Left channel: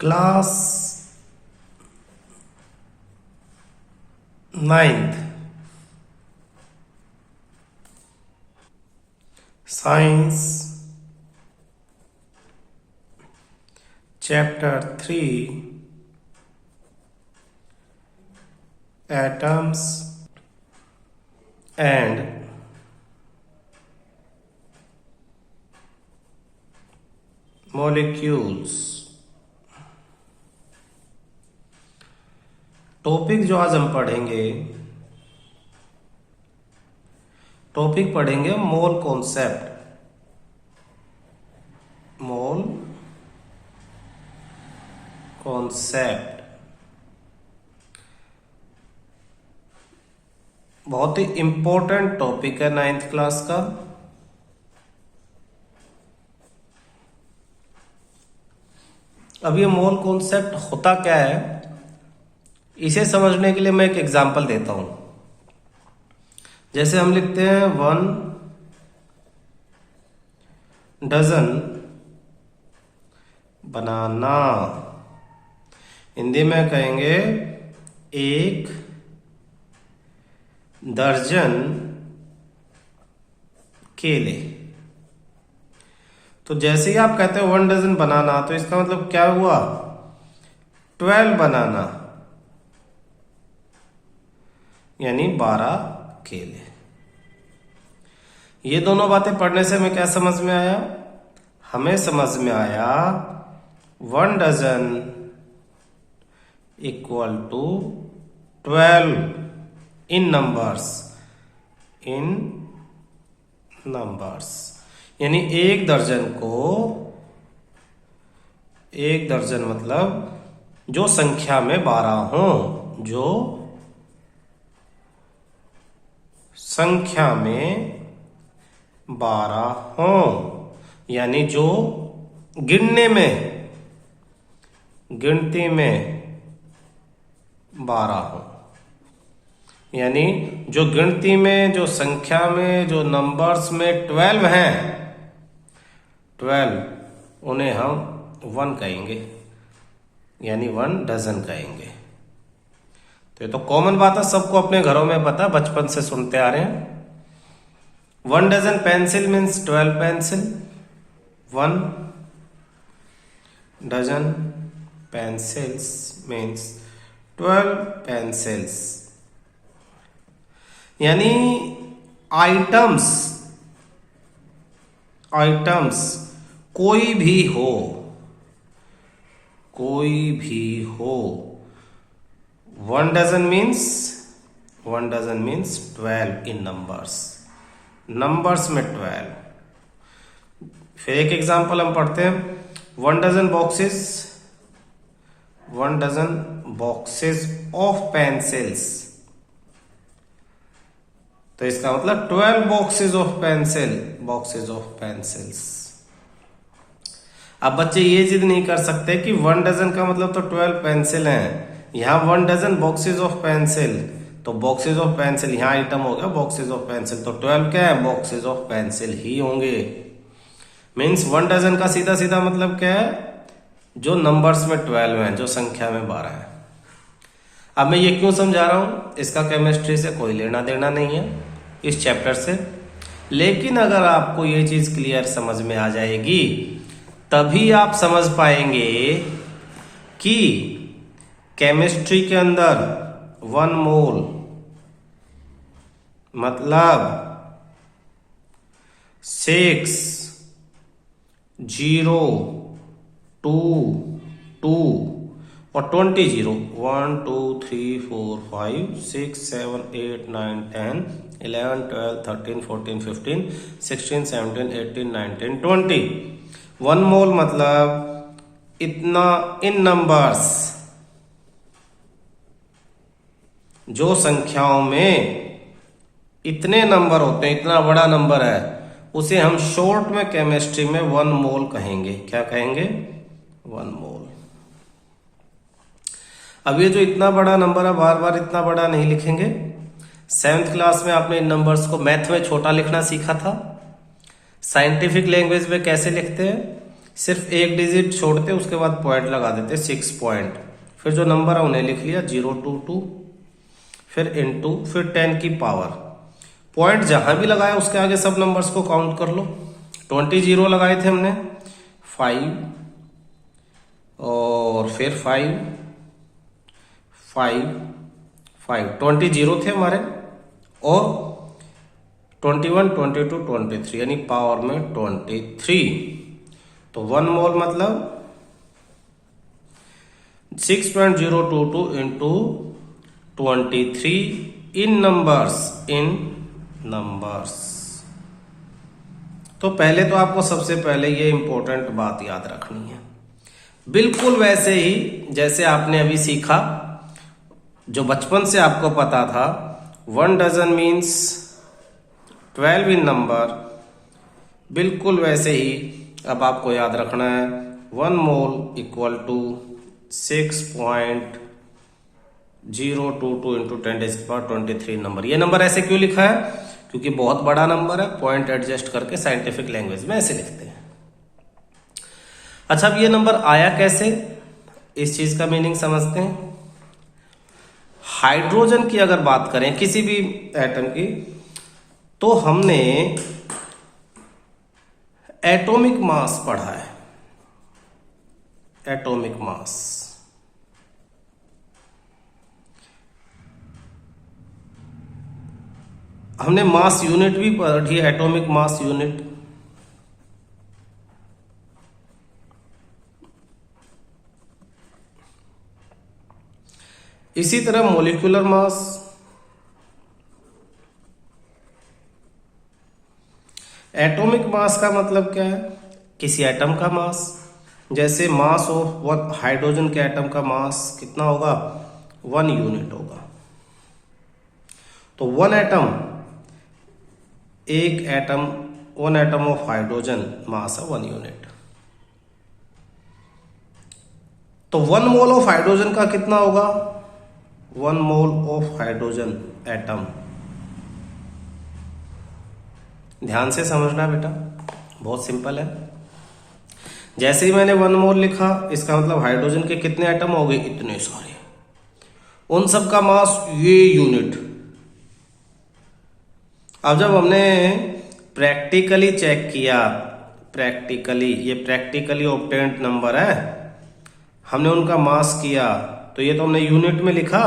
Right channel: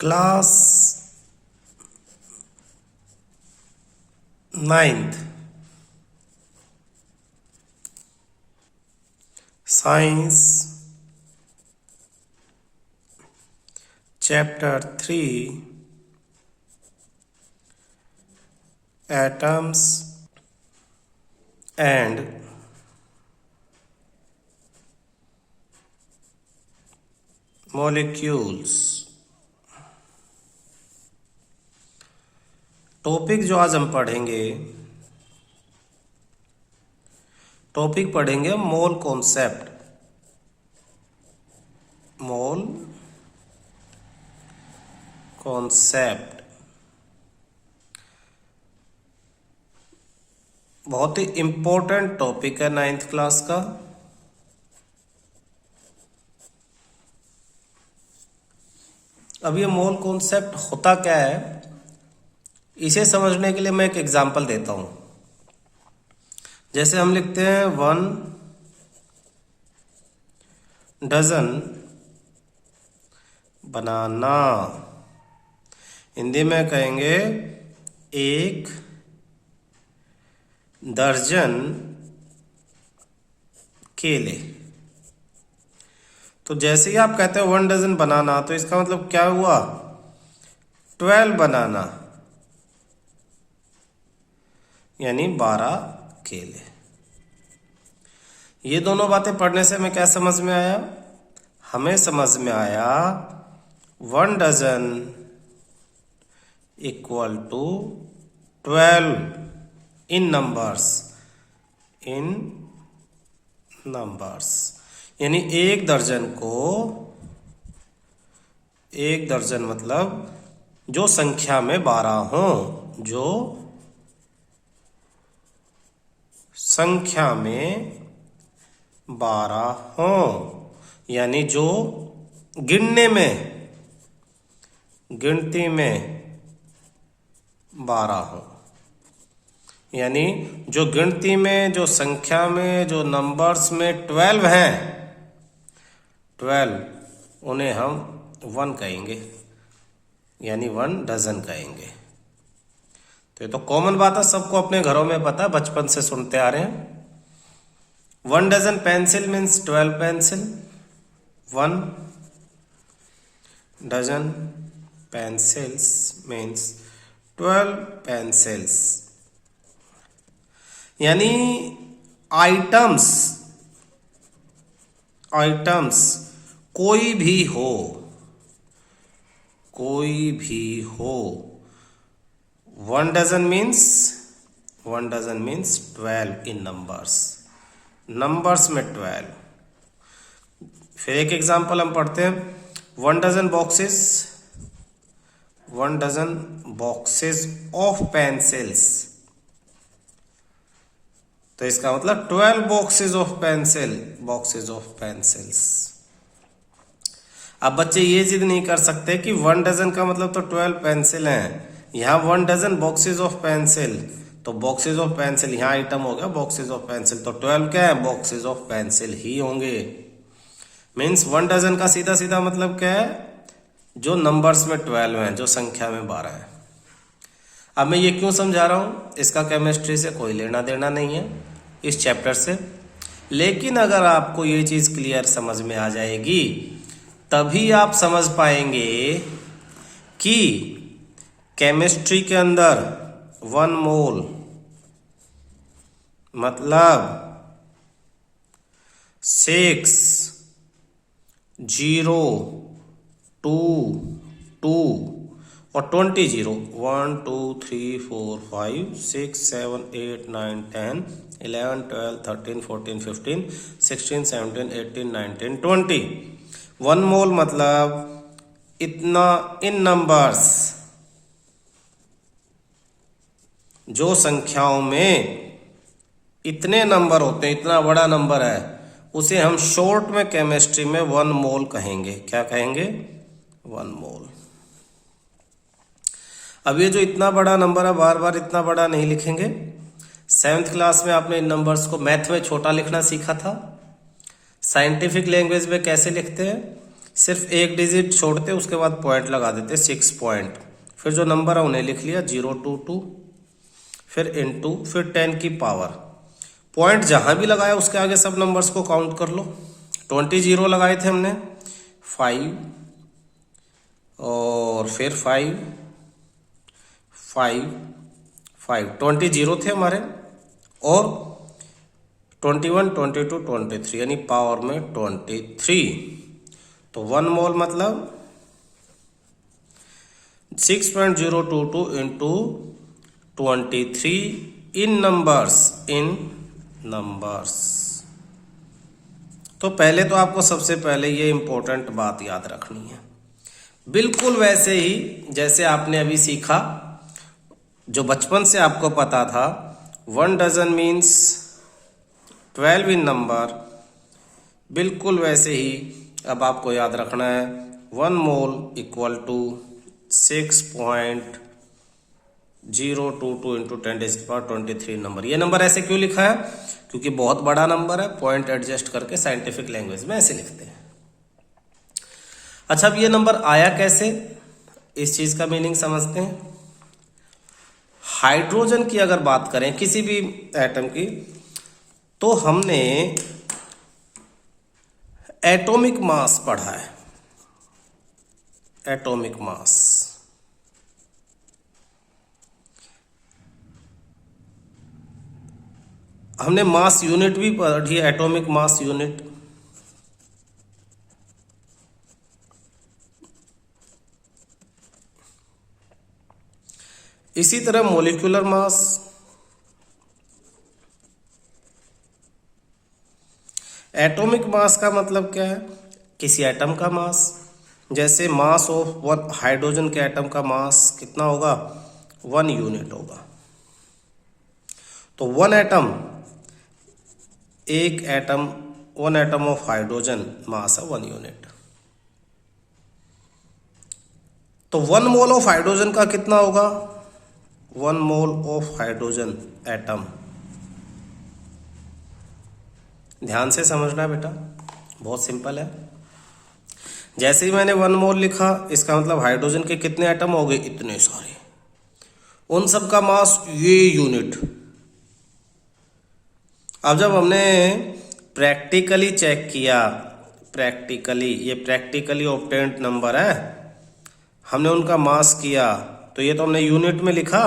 Class 9th science chapter 3 atoms and molecules. Topic जो आज हम पढ़ेंगे मोल कॉन्सेप्ट। मोल कॉन्सेप्ट बहुत ही इंपॉर्टेंट टॉपिक है 9th क्लास का। अब ये मोल कॉन्सेप्ट होता क्या है, इसे समझने के लिए मैं एक एग्जांपल देता हूं। जैसे हम लिखते हैं 1 डजन बनाना, हिंदी में कहेंगे 1 दर्जन केले। तो जैसे ही आप कहते हो 1 डजन बनाना, तो इसका मतलब क्या हुआ? 12 बनाना, यानी 12 केले। ये दोनों बातें पढ़ने से हमें क्या समझ में आया? हमें समझ में आया 1 dozen equal to 12 in numbers. यानी एक दर्जन मतलब जो संख्या में 12 हो, जो संख्या में 12 हो, यानी जो गिनती में 12 हो, यानी जो गिनती में, जो संख्या में, जो नंबर्स में 12 हैं, 12 उन्हें हम 1 कहेंगे, यानी 1 डजन कहेंगे। तो ये तो कॉमन बात है, सबको अपने घरों में पता, बचपन से सुनते आ रहे हैं। 1 dozen pencil means 12 pencil. 1 dozen pencils means 12 pencils. यानी आइटम्स कोई भी हो 1 डजन मीन्स 12 इन नंबर्स में 12। फिर एक एग्जांपल हम पढ़ते हैं, 1 डजन बॉक्सेस ऑफ पेंसिल्स। तो इसका मतलब 12 बॉक्सेस ऑफ पेंसिल्स। अब बच्चे ये जिद नहीं कर सकते कि 1 डजन का मतलब तो 12 पेंसिल हैं, यहाँ 1 डजन बॉक्सेस ऑफ पेंसिल, तो बॉक्सेस ऑफ पेंसिल यहाँ आइटम हो गया बॉक्सेस ऑफ पेंसिल, तो 12 क्या है? बॉक्सेस ऑफ पेंसिल ही होंगे। मीन्स 1 डजन का सीधा सीधा मतलब क्या है? जो नंबर्स में 12 हैं, जो संख्या में 12 है। अब मैं ये क्यों समझा रहा हूं? इसका केमिस्ट्री से कोई लेना देना नहीं है, इस चैप्टर से। लेकिन अगर आपको ये चीज क्लियर समझ में आ जाएगी, तभी आप समझ पाएंगे कि केमिस्ट्री के अंदर 1 मोल मतलब 602 और 20 0 1 2 3 4 5 6 7 8 9 10 11 12 13 14 15 16 17 18 19 20। 1 मोल मतलब इतना इन नंबर्स, जो संख्याओं में इतने नंबर होते हैं, इतना बड़ा नंबर है, उसे हम शॉर्ट में केमिस्ट्री में 1 मोल कहेंगे। क्या कहेंगे? 1 मोल। अब ये जो इतना बड़ा नंबर है, बार बार इतना बड़ा नहीं लिखेंगे। 7th क्लास में आपने इन नंबर्स को मैथ में छोटा लिखना सीखा था। साइंटिफिक लैंग्वेज में कैसे लिखते हैं? सिर्फ एक डिजिट छोड़ते उसके बाद पॉइंट लगा देते 6 पॉइंट, फिर जो नंबर है उन्हें लिख लिया 022, फिर इनटू, फिर 10 की पावर। पॉइंट जहां भी लगाया उसके आगे सब नंबर्स को काउंट कर लो। 20 जीरो लगाए थे हमने, 5 और फिर 5 5 5, 20 जीरो थे हमारे, और 21 22 23 यानी पावर में 23। तो 1 मोल मतलब 6.022 इंटू 23 इन नंबर्स। तो पहले तो आपको सबसे पहले ये इंपॉर्टेंट बात याद रखनी है, बिल्कुल वैसे ही जैसे आपने अभी सीखा, जो बचपन से आपको पता था 1 डजन मीन्स 12 इन नंबर, बिल्कुल वैसे ही अब आपको याद रखना है 1 mole equal to 6.022 into 10⁻23 number. ये नंबर ऐसे क्यों लिखा है? क्योंकि बहुत बड़ा नंबर है, पॉइंट एडजस्ट करके साइंटिफिक लैंग्वेज में ऐसे लिखते हैं। अच्छा, अब ये नंबर आया कैसे, इस चीज का मीनिंग समझते हैं। हाइड्रोजन की अगर बात करें, किसी भी एटम की, तो हमने एटॉमिक मास पढ़ा है। एटॉमिक मास, हमने मास यूनिट भी पढ़ी है, एटॉमिक मास यूनिट। इसी तरह मोलिकुलर मास, एटॉमिक मास का मतलब क्या है? किसी एटम का मास। जैसे मास ऑफ वन हाइड्रोजन के एटम का मास कितना होगा? 1 यूनिट होगा। तो वन एटम ऑफ हाइड्रोजन मास है 1 यूनिट। तो 1 मोल ऑफ हाइड्रोजन का कितना होगा? 1 मोल ऑफ हाइड्रोजन एटम, ध्यान से समझना बेटा, बहुत सिंपल है। जैसे ही मैंने 1 मोल लिखा, इसका मतलब हाइड्रोजन के कितने एटम हो गए? इतने सारे, उन सब का मास ये यूनिट। अब जब हमने प्रैक्टिकली चेक किया, ये प्रैक्टिकली ऑब्टेन्ड नंबर है, हमने उनका मास किया, तो ये तो हमने यूनिट में लिखा,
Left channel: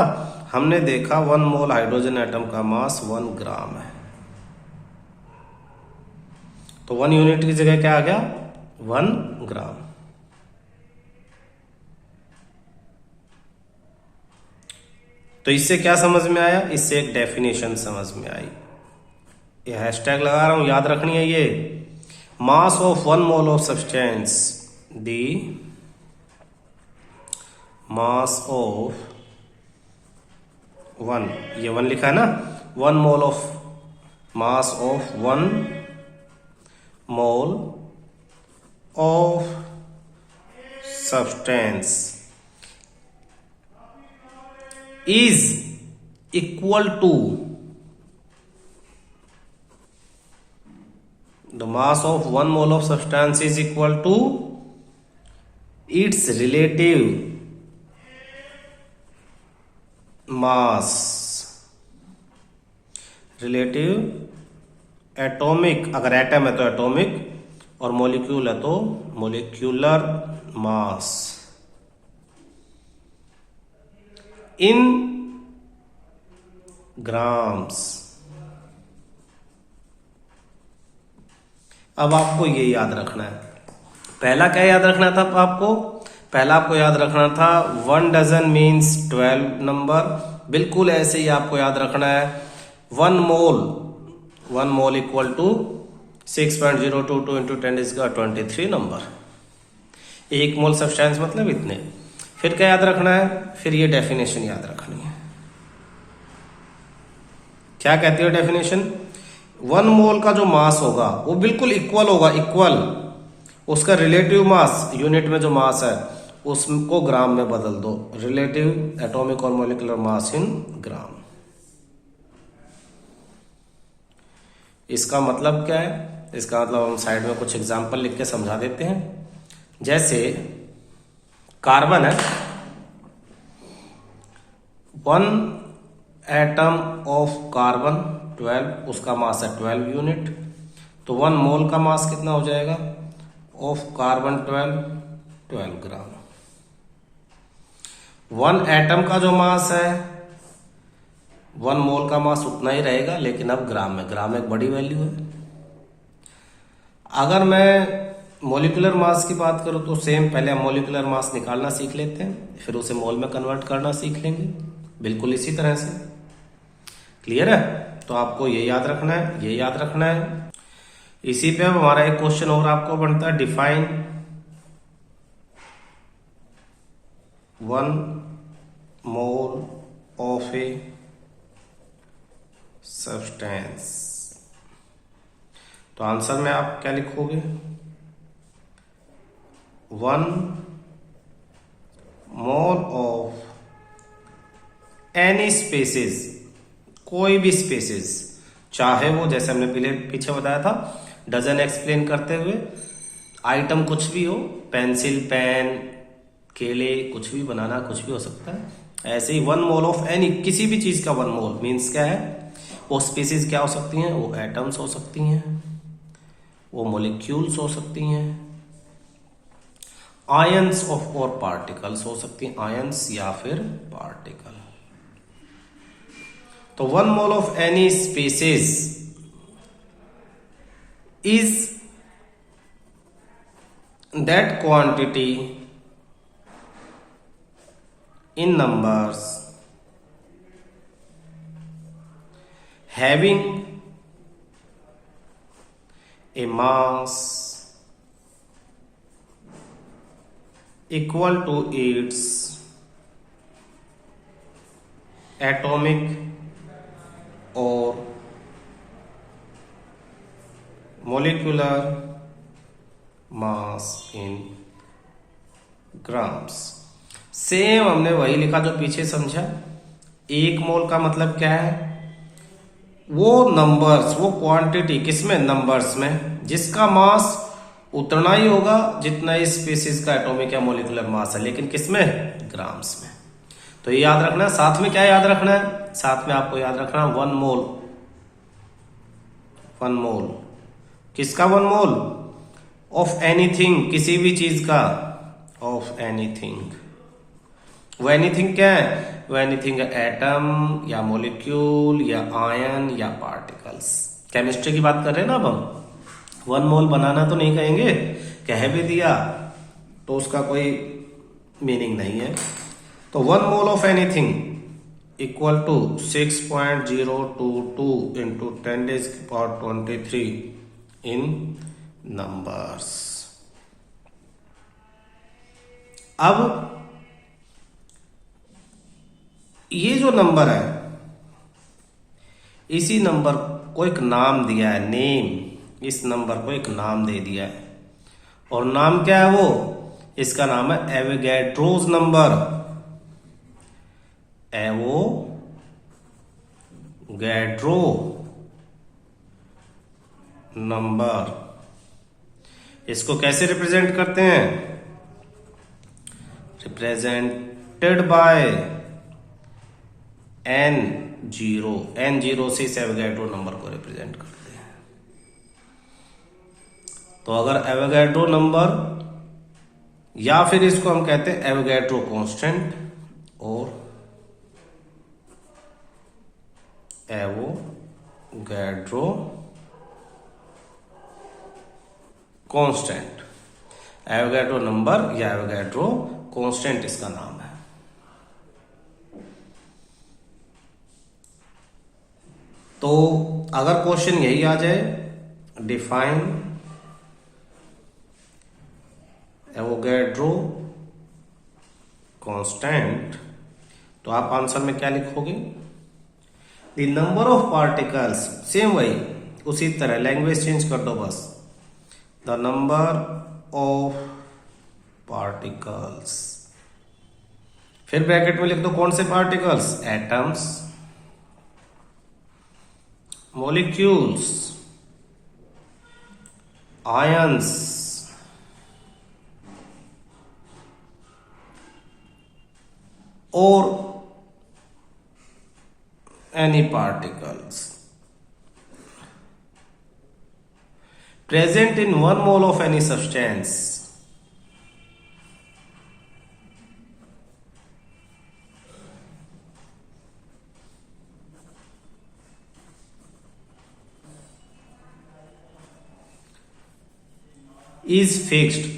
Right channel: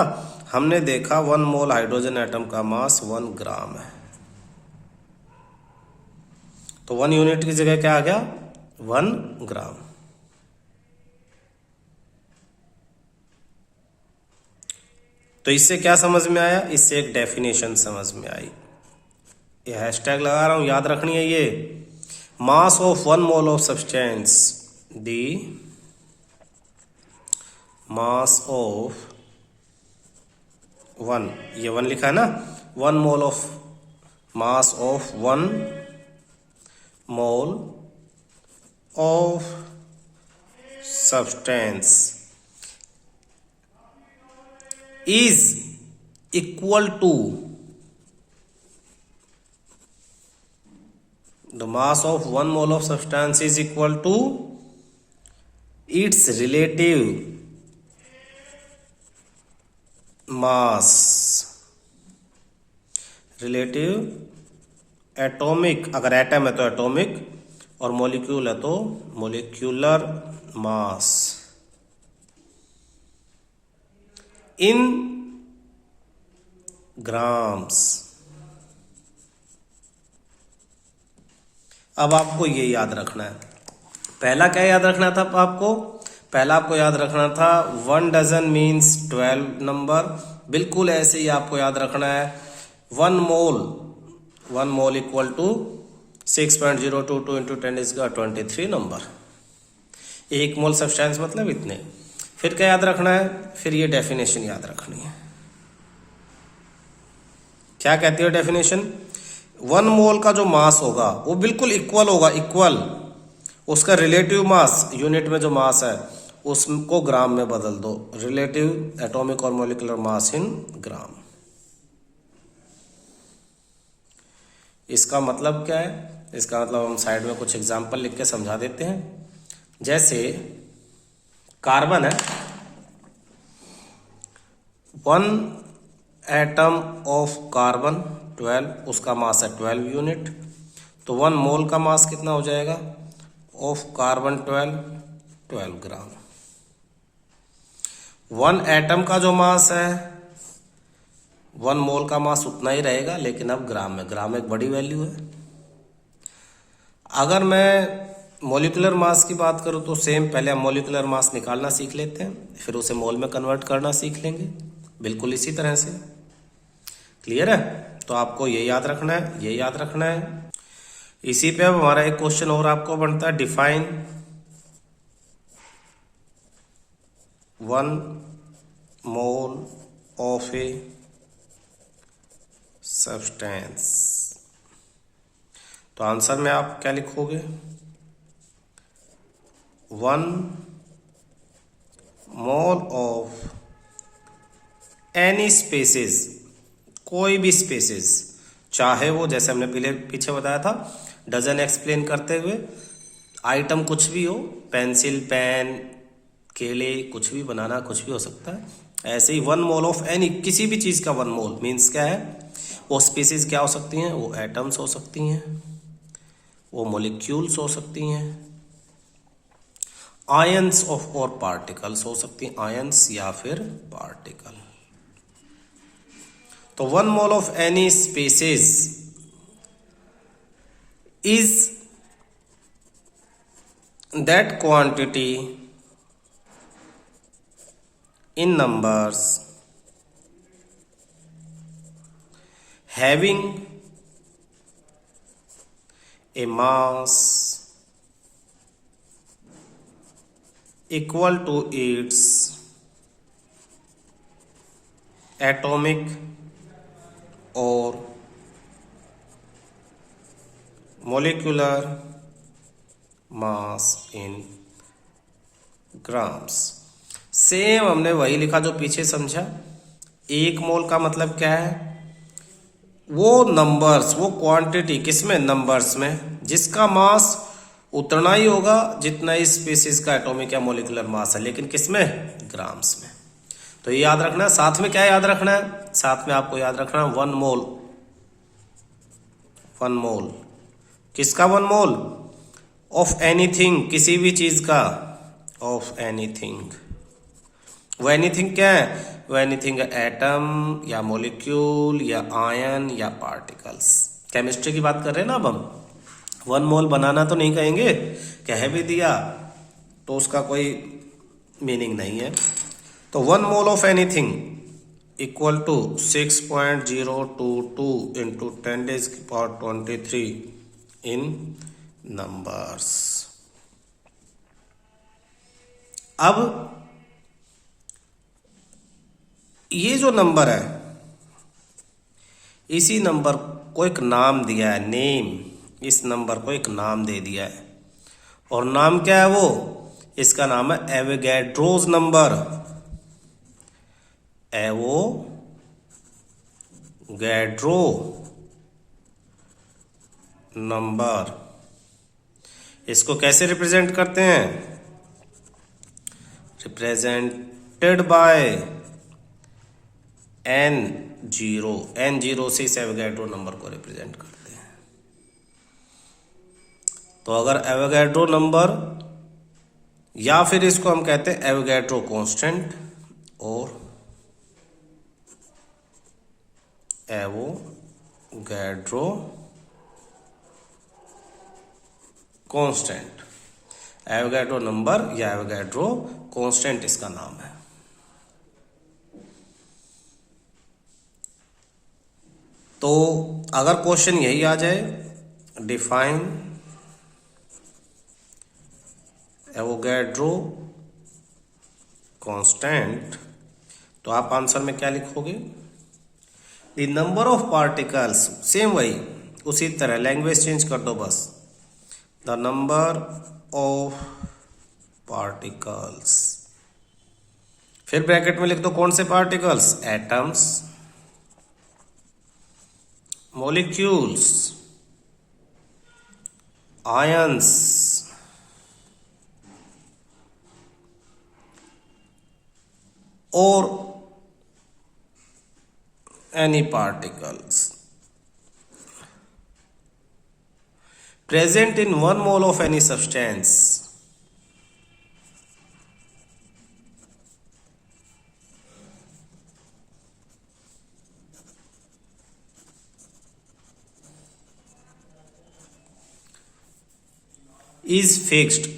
हमने देखा 1 मोल हाइड्रोजन एटम का मास 1 ग्राम है। तो 1 यूनिट की जगह क्या आ गया? 1 ग्राम। तो इससे क्या समझ में आया? इससे एक डेफिनेशन समझ में आई, ये हैशटैग लगा रहा हूं, याद रखनी है ये। Mass of 1 mole of substance, D mass of 1, ये 1 लिखा है ना, 1 mole of mass of 1 mole of substance is equal to the mass of 1 mole of substance is equal to its relative mass, relative atomic, अगर atom है तो atomic, और molecule है तो मॉलिक्यूलर मास इन ग्राम्स। अब आपको ये याद रखना है, पहला क्या याद रखना था आपको? पहला आपको याद रखना था 1 डजन मीन्स 12 नंबर। बिल्कुल ऐसे ही आपको याद रखना है 1 mole equal to 6.022 into 10⁻23 number. 1 mole substance मतलब इतने। फिर क्या याद रखना है? फिर ये डेफिनेशन याद रखनी है। क्या कहती है डेफिनेशन? 1 मोल का जो मास होगा वो बिल्कुल इक्वल होगा, इक्वल, उसका रिलेटिव मास, यूनिट में जो मास है उसको ग्राम में बदल दो, रिलेटिव एटॉमिक और मॉलिक्यूलर मास इन ग्राम। इसका मतलब क्या है? इसका मतलब हम साइड में कुछ एग्जाम्पल लिख के समझा देते हैं। जैसे कार्बन है, 1 एटम ऑफ कार्बन 12, उसका मास है 12 यूनिट, तो 1 मोल का मास कितना हो जाएगा ऑफ कार्बन 12 ग्राम। 1 एटम का जो मास है 1 मोल का मास उतना ही रहेगा, लेकिन अब ग्राम में, ग्राम एक बड़ी वैल्यू है। अगर मैं मोलिकुलर मास की बात करूं तो सेम, पहले हम मोलिकुलर मास निकालना सीख लेते हैं, फिर उसे मोल में कन्वर्ट करना सीख लेंगे, बिल्कुल इसी तरह से। क्लियर है? तो आपको ये याद रखना है, ये याद रखना है। इसी पे अब हमारा एक क्वेश्चन और आपको बनता है, define 1 mole of a substance. तो आंसर में आप क्या लिखोगे, 1 मोल ऑफ एनी स्पेसिस, कोई भी स्पेसिस, चाहे वो जैसे हमने पीछे बताया था डजन एक्सप्लेन करते हुए, आइटम कुछ भी हो, पेंसिल, पेन, केले, कुछ भी बनाना, कुछ भी हो सकता है। ऐसे ही 1 मोल ऑफ एनी, किसी भी चीज का 1 मोल मीन्स क्या है, वो स्पीसीज क्या हो सकती हैं, वो एटम्स हो सकती हैं, वो मोलिक्यूल्स हो सकती हैं, आयंस ऑफ और पार्टिकल्स हो सकती हैं, आयंस या फिर पार्टिकल। तो 1 mole of any species is that quantity in numbers having a mass equal to its atomic or molecular mass in grams। Same हमने वही लिखा जो पीछे समझा। 1 मोल का मतलब क्या है, वो नंबर्स, वो क्वांटिटी किसमें, नंबर्स में, जिसका मास उतना ही होगा जितना इस स्पीसीज का एटॉमिक या मोलिकुलर मास है, लेकिन किसमें, ग्राम्स में। तो ये याद रखना है। साथ में क्या याद रखना है, साथ में आपको याद रखना है 1 मोल, 1 मोल किसका, 1 मोल ऑफ एनीथिंग, किसी भी चीज का, ऑफ एनीथिंग। वो एनीथिंग क्या है, वो एनीथिंग एटम या मॉलिक्यूल या आयन या पार्टिकल्स। केमिस्ट्री की बात कर रहे हैं ना अब हम। 1 मोल बनाना तो नहीं कहेंगे, कह भी दिया तो उसका कोई मीनिंग नहीं है। तो 1 mole of anything equal to 6.022 into 10⁻23 in numbers. अब ये जो नंबर है, इसी नंबर को एक नाम दिया है, नेम, इस नंबर को एक नाम दे दिया है, और नाम क्या है वो, इसका नाम है एवोगैड्रोस नंबर, एवोगैड्रो नंबर। इसको कैसे रिप्रेजेंट करते हैं, रिप्रेजेंटेड बाय N0 से इस एवोगैड्रो नंबर को रिप्रेजेंट करते हैं। तो अगर एवोगैड्रो नंबर, या फिर इसको हम कहते हैं एवोगैड्रो कांस्टेंट और एवोगैड्रो कांस्टेंट, एवोगैड्रो नंबर या एवोगैड्रो कांस्टेंट इसका नाम है। तो अगर क्वेश्चन यही आ जाए, डिफाइन एवोगैड्रो कांस्टेंट, तो आप आंसर में क्या लिखोगे, the number of particles, same वही, उसी तरह लैंग्वेज चेंज कर दो बस, द नंबर ऑफ पार्टिकल्स, फिर ब्रैकेट में लिख दो कौन से particles, atoms, molecules, ions or any particles present in 1 mole of any substance is fixed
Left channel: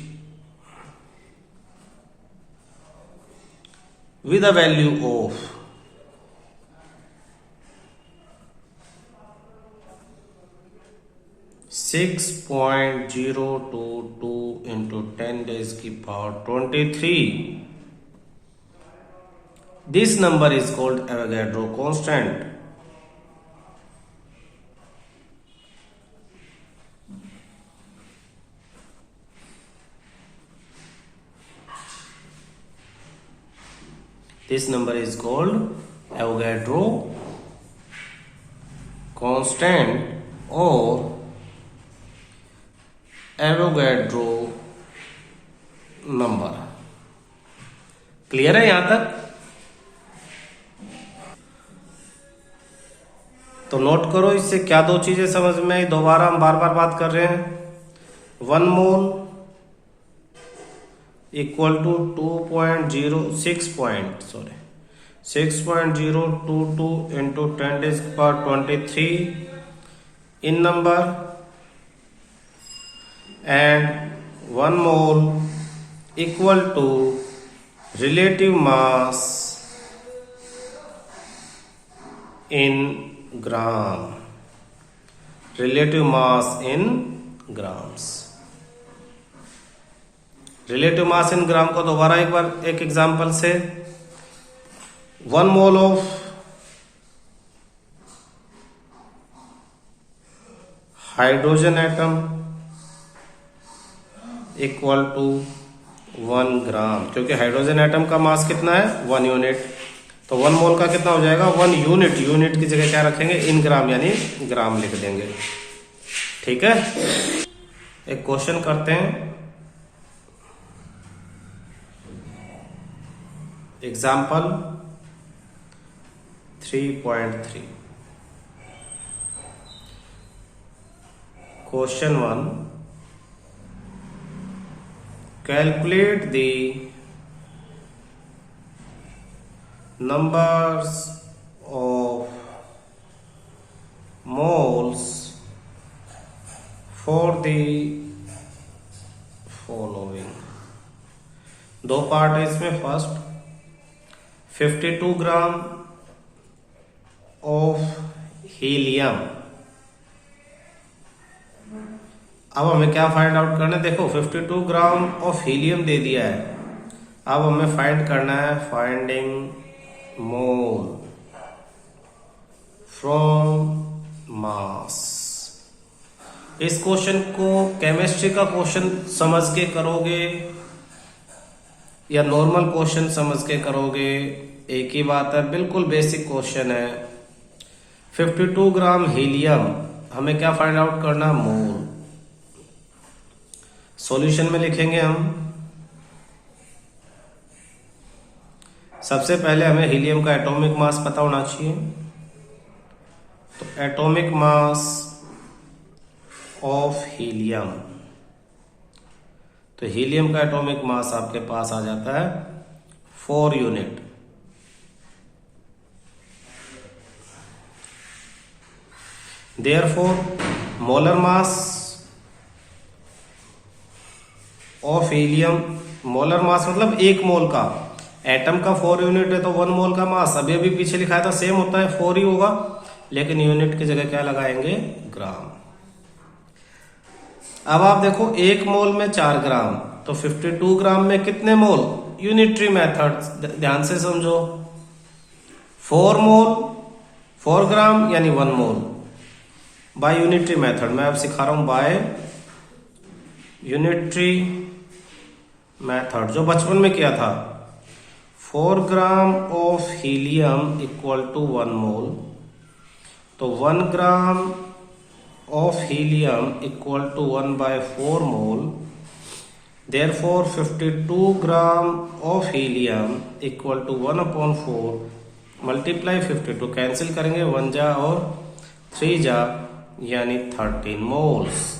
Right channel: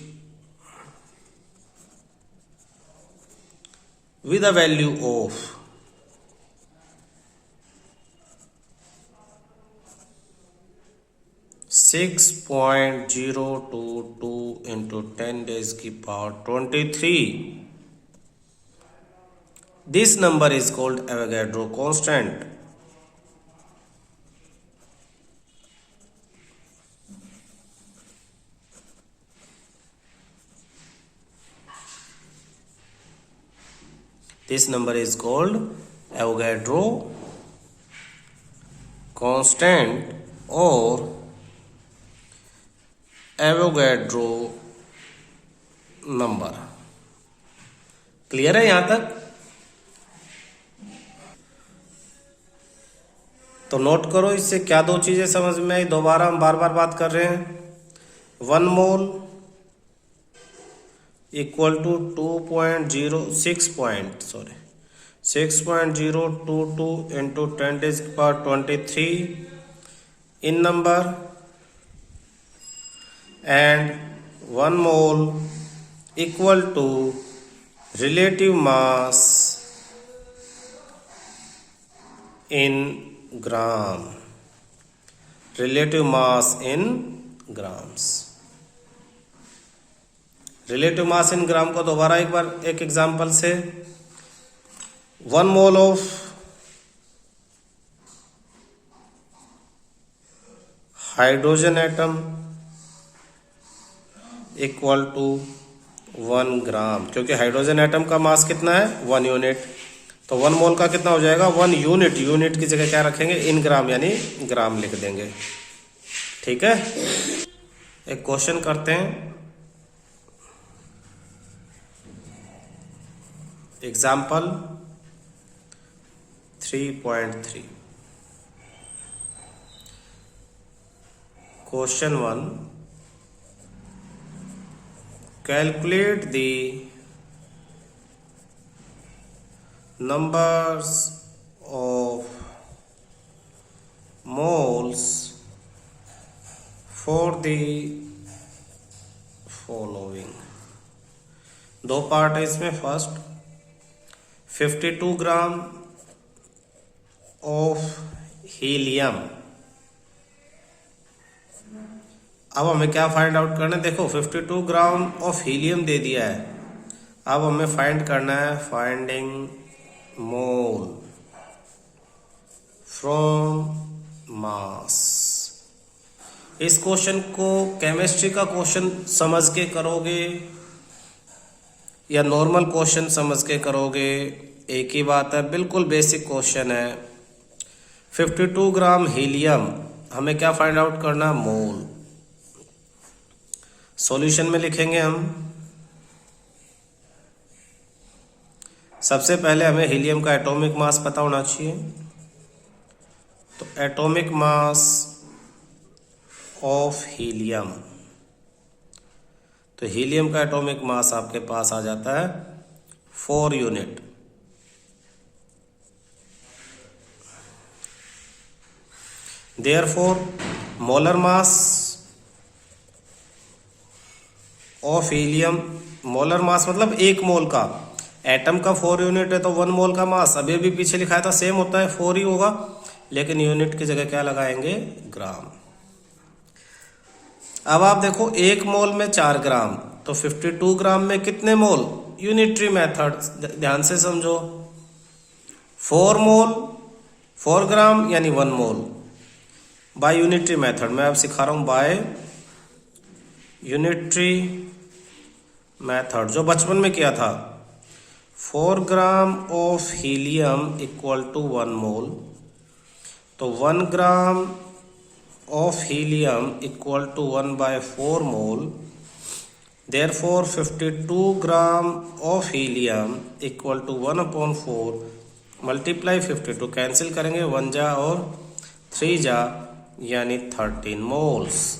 with a value of 6.022 into 10 raised to the power 23. This number is called Avogadro constant. This number is called Avogadro constant or Avogadro number. Clear है यहां तक? तो note करो इससे क्या दो चीजें समझ में आई, दोबारा हम बार बार बात कर रहे हैं। 1 mole equal to 6.022 into 10 raised to the power 23 in number, and 1 mole equal to relative mass in gram, relative mass in grams। relative mass in gram को दोबारा एक बार एक एग्जांपल से, 1 mole of hydrogen atom equal to 1 gram, क्योंकि hydrogen atom का मास कितना है 1 unit, तो 1 मोल का कितना हो जाएगा 1 यूनिट। यूनिट की जगह क्या रखेंगे इन ग्राम यानी ग्राम लिख देंगे। ठीक है, एक क्वेश्चन करते हैं। Example 3.3 question 1, calculate the numbers of moles for the following। दो पार्ट है इसमें। First 52 gram of helium. अब हमें क्या फाइंड आउट करना है, देखो 52 ग्राम ऑफ हीलियम दे दिया है। अब हमें फाइंड करना है फाइंडिंग मोल फ्रॉम मास। इस क्वेश्चन को केमिस्ट्री का क्वेश्चन समझ के करोगे या नॉर्मल क्वेश्चन समझ के करोगे, एक ही बात है, बिल्कुल बेसिक क्वेश्चन है। 52 ग्राम हीलियम, हमें क्या फाइंड आउट करना है मोल। सॉल्यूशन में लिखेंगे हम, सबसे पहले हमें हीलियम का एटॉमिक मास पता होना चाहिए। तो एटॉमिक मास ऑफ हीलियम, तो हीलियम का एटॉमिक मास आपके पास आ जाता है 4 unit. Therefore molar mass of helium, molar mass मतलब 1 मोल का, एटम का 4 यूनिट है तो 1 मोल का मास अभी अभी पीछे लिखाया था सेम होता है 4 ही होगा, लेकिन यूनिट की जगह क्या लगाएंगे ग्राम। अब आप देखो 1 मोल में 4 ग्राम, तो 52 ग्राम में कितने मोल, यूनिटरी मेथड ध्यान से समझो। 4 मोल 4 ग्राम यानी 1 मोल बाय यूनिटरी मेथड। मैं अब सिखा रहा हूं बाय यूनिटरी मेथड, जो बचपन में किया था। 4 gram of helium equal to 1 mole, तो 1 gram of helium equal to 1/4 mole Therefore 52 gram of helium equal to 1/4 multiply 52 cancel करेंगे 1 जा और 3 जा यानी 13 मोल्स।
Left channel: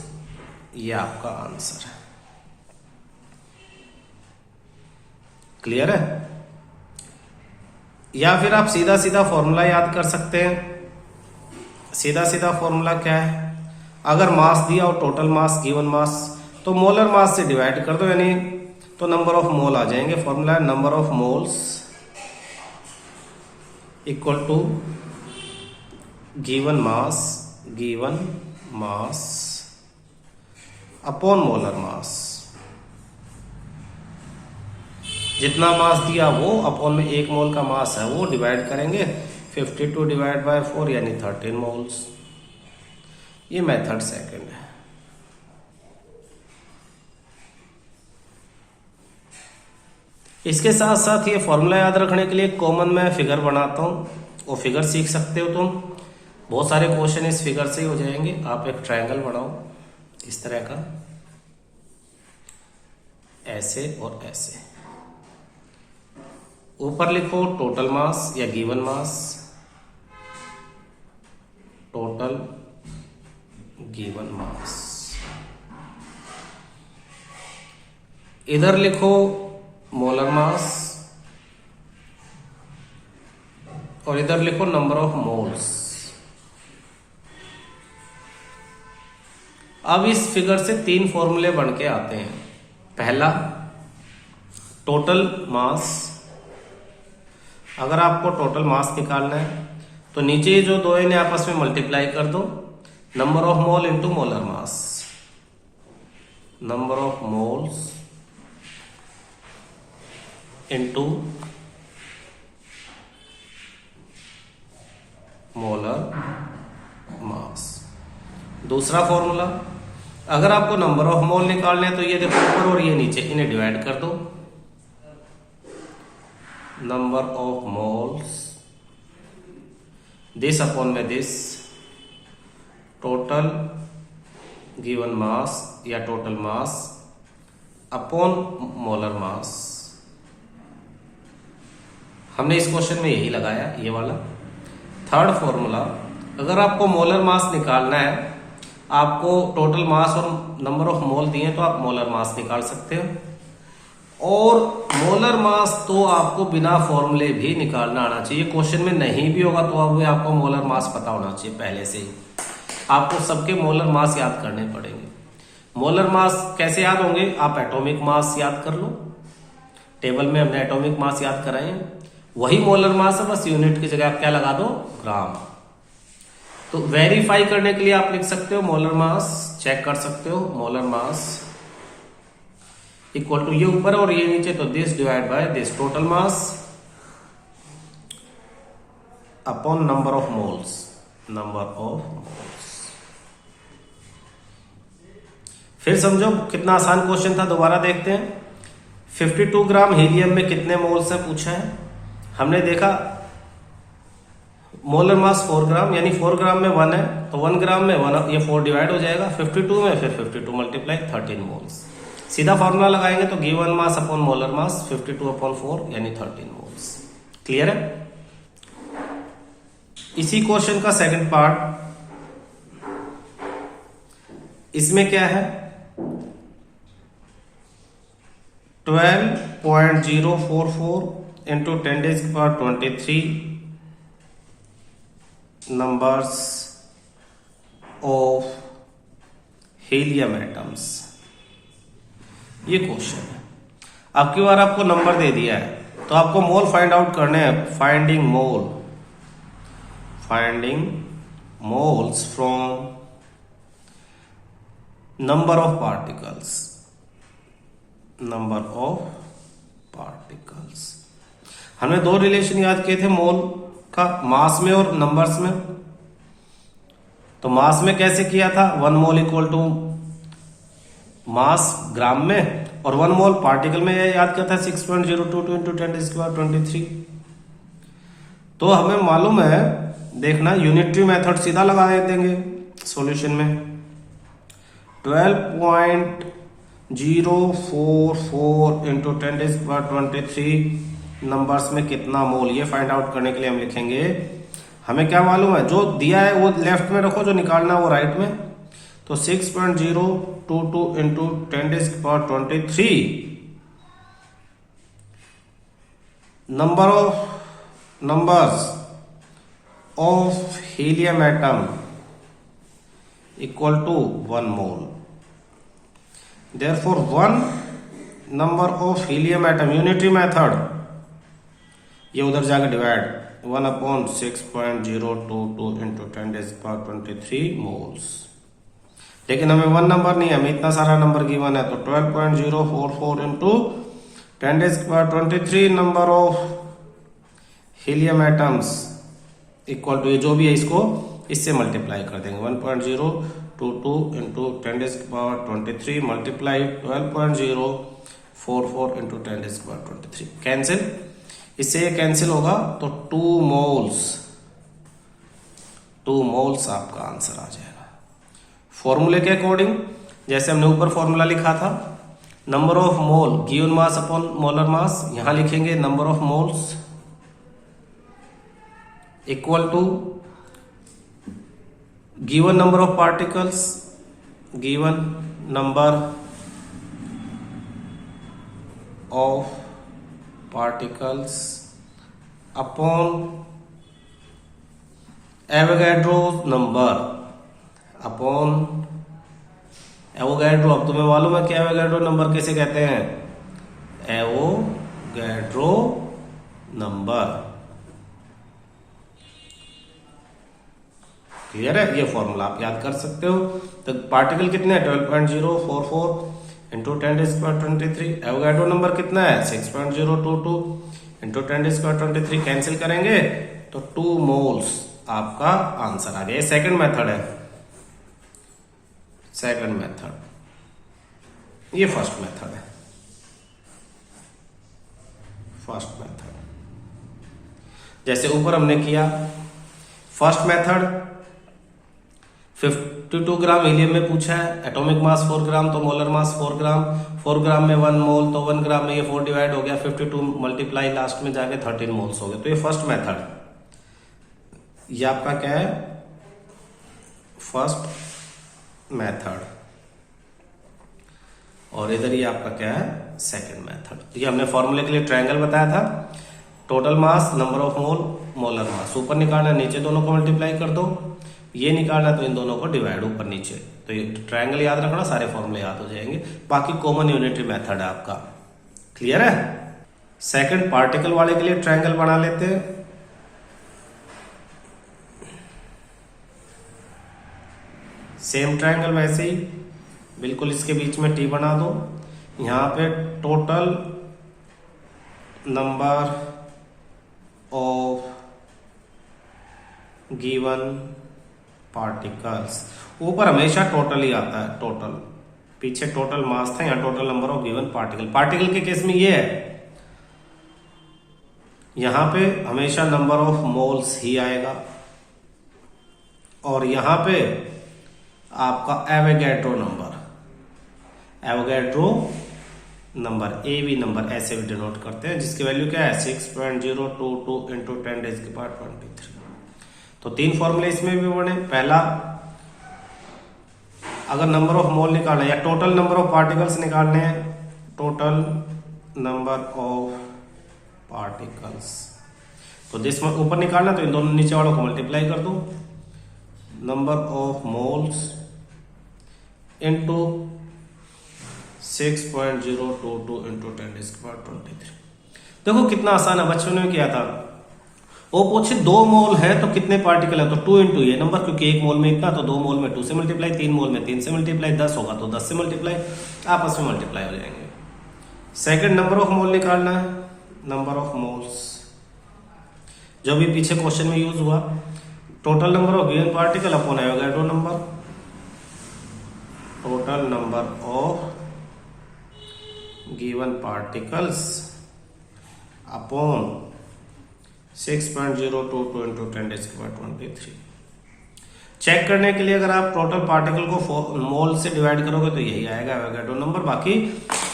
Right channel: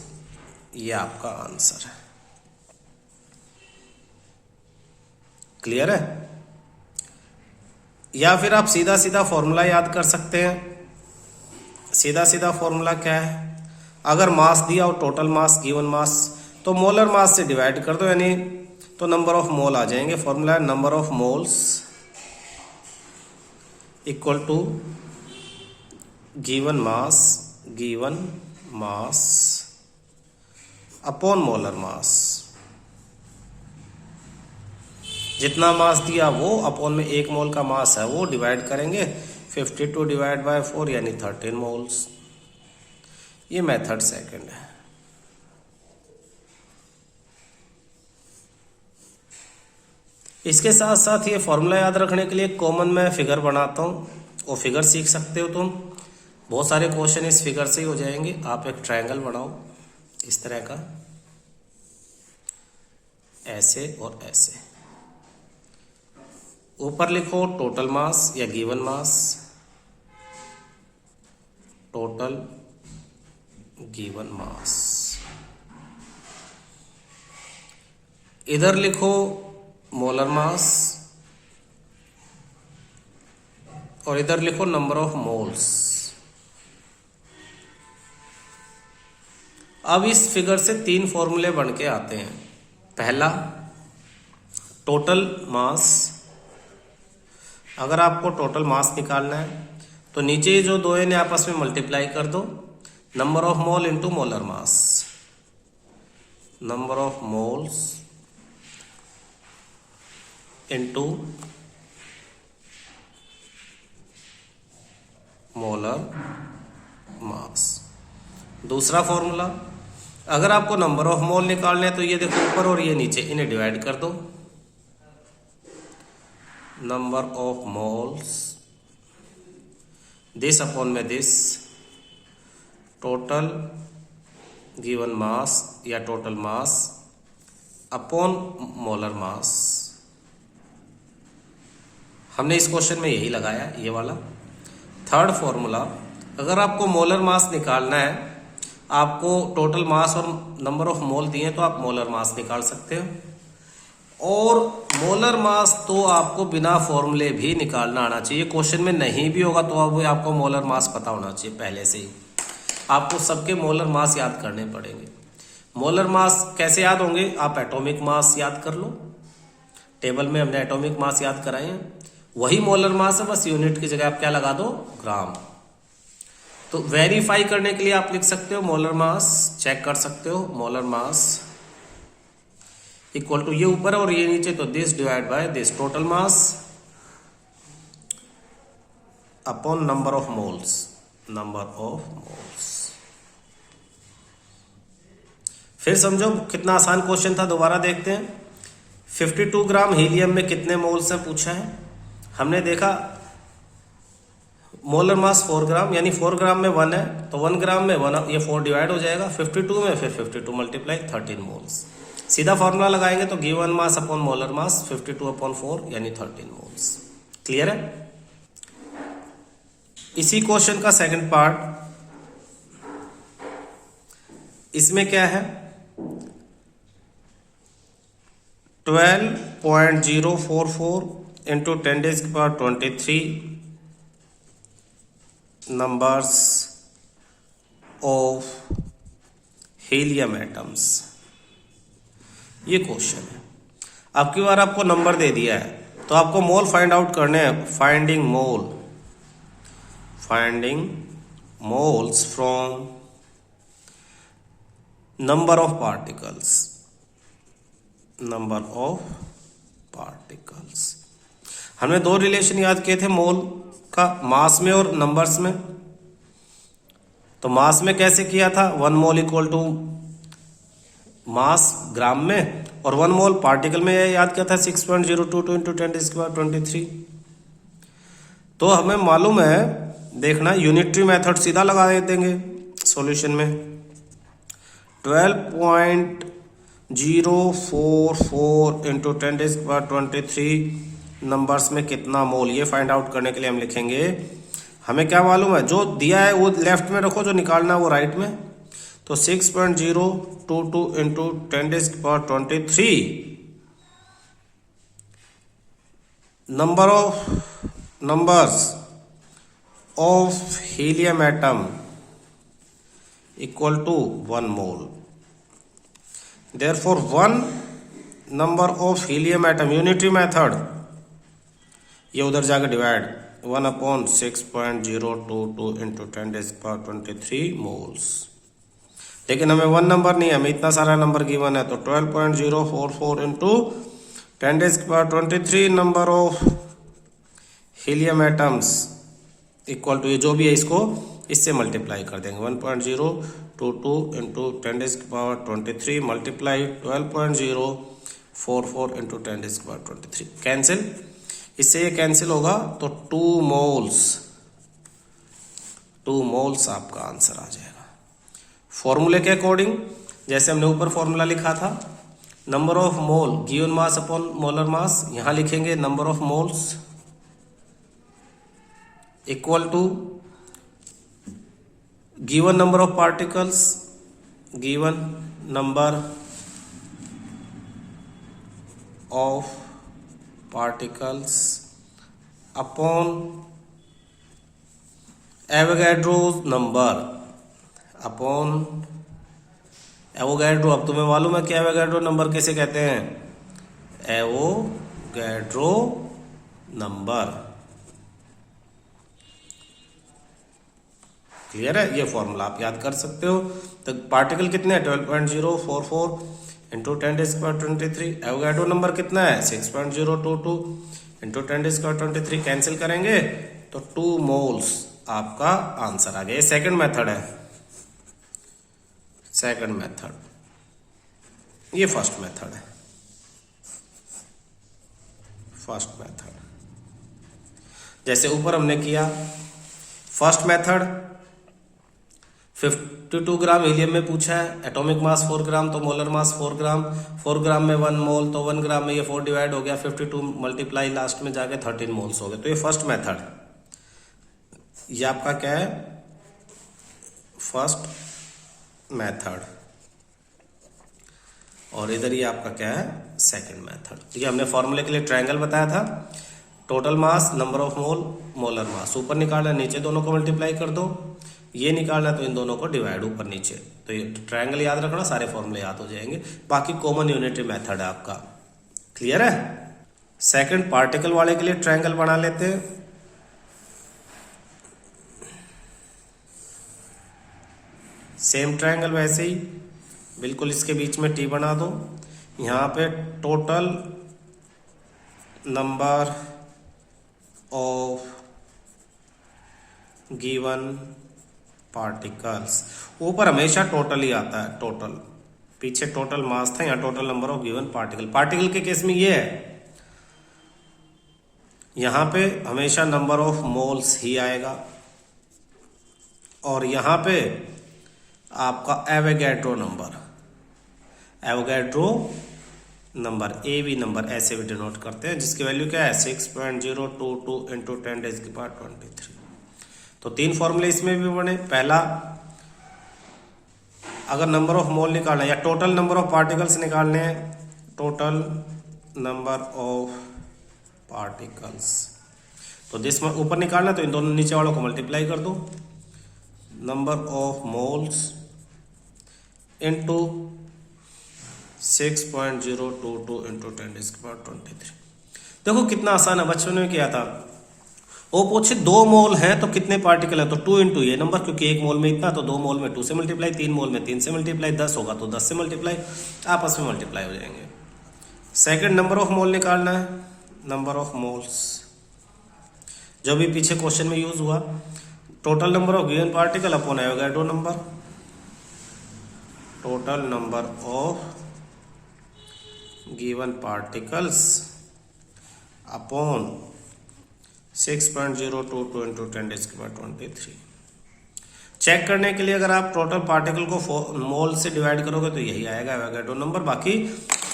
ये आपका आंसर है। क्लियर है? या फिर आप सीधा सीधा फॉर्मूला याद कर सकते हैं। सीधा सीधा फॉर्मूला क्या है? अगर मास दिया और टोटल मास गिवन मास तो मोलर मास से डिवाइड कर दो, यानी तो नंबर ऑफ मोल आ जाएंगे। फॉर्मूला है number of moles equal to given mass upon molar mass. जितना मास दिया वो अपॉन में 1 मोल का मास है वो डिवाइड करेंगे 52 डिवाइड बाय 4 यानी 13 मोल्स। ये मेथड सेकंड है। इसके साथ साथ ये फॉर्मूला याद रखने के लिए कॉमन मैं फिगर बनाता हूँ, वो फिगर सीख सकते हो तुम। बहुत सारे क्वेश्चन इस फिगर से ही हो जाएंगे। आप एक ट्रायंगल बनाओ इस तरह का, ऐसे और ऐसे। ऊपर लिखो टोटल मास या गिवन मास, टोटल गिवन मास। इधर लिखो मोलर मास और इधर लिखो नंबर ऑफ मोल्स। अब इस फिगर से 3 फॉर्मूले बन के आते हैं। पहला टोटल मास, अगर आपको टोटल मास निकालना है तो नीचे जो दो इन्हें आपस में मल्टीप्लाई कर दो, number of mole into molar mass, number of moles into molar मास। दूसरा फॉर्मूला, अगर आपको नंबर ऑफ मोल निकालने हैं तो ये देखो ऊपर और ये नीचे, इन्हें डिवाइड कर दो, number of moles this upon में दिस, टोटल गिवन मास या टोटल मास अपॉन मोलर मास। हमने इस क्वेश्चन में यही लगाया, ये वाला। थर्ड फॉर्मूला, अगर आपको मोलर मास निकालना है, आपको टोटल मास और नंबर ऑफ मोल दिए तो आप मोलर मास निकाल सकते हैं। और मोलर मास तो आपको बिना फॉर्मूले भी निकालना आना चाहिए। क्वेश्चन में नहीं भी होगा तो अब आपको मोलर मास पता होना चाहिए पहले से ही। आपको सबके मोलर मास याद करने पड़ेंगे। मोलर मास कैसे याद होंगे? आप एटॉमिक मास याद कर लो, टेबल में हमने एटॉमिक मास याद कराए, वही मोलर मास है, बस यूनिट की जगह आप क्या लगा दो, ग्राम। तो वेरीफाई करने के लिए आप लिख सकते हो मोलर मास, चेक कर सकते हो मोलर मास इक्वल टू ये ऊपर और ये नीचे, तो this divide by this, total mass upon number of moles, number of moles. फिर समझो कितना आसान क्वेश्चन था, दोबारा देखते हैं। 52 ग्राम हीलियम में कितने मोल्स हैं पूछा है। हमने देखा मोलर मास 4 ग्राम, यानी 4 ग्राम में 1 है तो 1 ग्राम में 1, ये 4 डिवाइड हो जाएगा 52 में, फिर 52 मल्टीप्लाई 13 मोल्स। सीधा फार्मूला लगाएंगे तो गिवन मास अपॉन मोलर मास 52/4 यानी 13 मोल्स। क्लियर है? इसी क्वेश्चन का सेकंड पार्ट, इसमें क्या है, 12.044 into 10⁻23 numbers of helium atoms. ये क्वेश्चन है। अब की बार आपको नंबर दे दिया है तो आपको मोल फाइंड आउट करने हैं। Finding moles from number of particles, number of particles. हमने 2 रिलेशन याद किए थे मोल का, मास में और नंबर्स में। तो मास में कैसे किया था, 1 मोल इक्वल टू मास ग्राम में, और 1 मोल पार्टिकल में याद किया था 6.022 इंटू 10⁻23। तो हमें मालूम है, देखना यूनिटरी मेथड सीधा लगा देंगे सॉल्यूशन में। 044 इंटू 10⁻23 नंबर्स में कितना मोल, ये फाइंड आउट करने के लिए हम लिखेंगे, हमें क्या मालूम है, जो दिया है वो लेफ्ट में रखो, जो निकालना है वो राइट में। तो 6.022 into 10⁻23 numbers of helium atom equal to 1 mole. Therefore, one number of helium atom unitary method, ये उधर जाके डिवाइड 1/6.022 इंटू 10⁻23 मोल्स। लेकिन हमें वन नंबर नहीं है, हमें इतना सारा नंबर गिवन है, तो 12.044 into 10⁻23 number of helium atoms equal to, ये जो भी है इसको इससे मल्टीप्लाई कर देंगे, 1.022 इंटू 10⁻23 मल्टीप्लाई 12.044 इंटू 10⁻23 कैंसिल, इससे ये कैंसिल होगा तो 2 मोल्स आपका आंसर आ जाएगा। फॉर्मूले के अकॉर्डिंग जैसे हमने ऊपर फॉर्मूला लिखा था, number of mole given mass upon molar mass, यहां लिखेंगे number of moles equal to given number of particles upon Avogadro's number upon Avogadro. अब तुम्हें मालूम है कि एवोगैड्रो नंबर कैसे कहते हैं, एवोगैड्रो नंबर, क्लियर है, ये फॉर्मूला आप याद कर सकते हो। तो पार्टिकल कितने हैं, 12.044 इंटू 10⁻23, एवोगैड्रो नंबर कितना है 6.022 इंटू 10⁻23, कैंसिल करेंगे तो 2 मोल्स आपका आंसर आ गया। ये सेकंड मेथड है, सेकंड मेथड, ये फर्स्ट मेथड है, फर्स्ट मेथड। जैसे ऊपर हमने किया फर्स्ट मेथड, 52 ग्राम हीलियम में पूछा है, एटॉमिक मास 4 ग्राम तो मोलर मास 4 ग्राम, 4 ग्राम में 1 मोल तो 1 ग्राम में ये 4 डिवाइड हो गया, 52 मल्टीप्लाई लास्ट में जाके 13 मोल्स हो गए। तो ये फर्स्ट मेथड, ये आपका क्या है, फर्स्ट मेथड, और इधर ये आपका क्या है, सेकंड मेथड। ये हमने फॉर्मूले के लिए ट्रायंगल बताया था, total mass, number of mole, molar mass, ऊपर निकालना नीचे दोनों को मल्टीप्लाई कर दो, ये निकालना तो इन दोनों को डिवाइड ऊपर नीचे। तो ये ट्रायंगल याद रखना, सारे फॉर्मूले याद हो जाएंगे। बाकी कॉमन यूनिटरी मेथड है आपका, क्लियर है। सेकंड पार्टिकल वाले के लिए ट्रायंगल बना लेते हैं। सेम ट्रायंगल वैसे ही बिल्कुल इसके बीच में टी बना दो, यहां पे total number of given particles, ऊपर हमेशा टोटल ही आता है, टोटल, पीछे टोटल मास था, यहां total number of given particle. Particle के केस में ये है, यहां पे हमेशा नंबर ऑफ मोल्स ही आएगा, और यहां पे आपका एवोगैड्रो नंबर एवी नंबर ऐसे भी डिनोट करते हैं, जिसकी वैल्यू क्या है 6.022 इंटू 10⁻23। तो 3 फॉर्मूले इसमें भी बने। पहला, अगर नंबर ऑफ मोल निकालना है या टोटल नंबर ऑफ पार्टिकल्स निकालने हैं, टोटल नंबर ऑफ पार्टिकल्स, तो जिसमें ऊपर निकालना तो इन दोनों नीचे वालों को मल्टीप्लाई कर दो, number of moles into 6.022 into 10⁻23। देखो कितना आसान है, बच्चों ने किया था। वो पूछे 2 मोल है तो कितने पार्टिकल है, तो 2 इंटू ये नंबर, क्योंकि 1 मोल में इतना, तो 2 मोल में 2 से मल्टीप्लाई, 3 मोल में 3 से मल्टीप्लाई, 10 होगा तो 10 से मल्टीप्लाई, आपस में मल्टीप्लाई हो जाएंगे। सेकंड नंबर ऑफ मोल निकालना है, नंबर ऑफ मोल्स, जो भी पीछे क्वेश्चन में यूज हुआ, total number of given particle upon Avogadro number, total number of given particles upon 6.022 into 10⁻23। Check करने के लिए अगर आप टोटल पार्टिकल को मोल से डिवाइड करोगे तो यही आएगा एवोगैड्रो नंबर। बाकी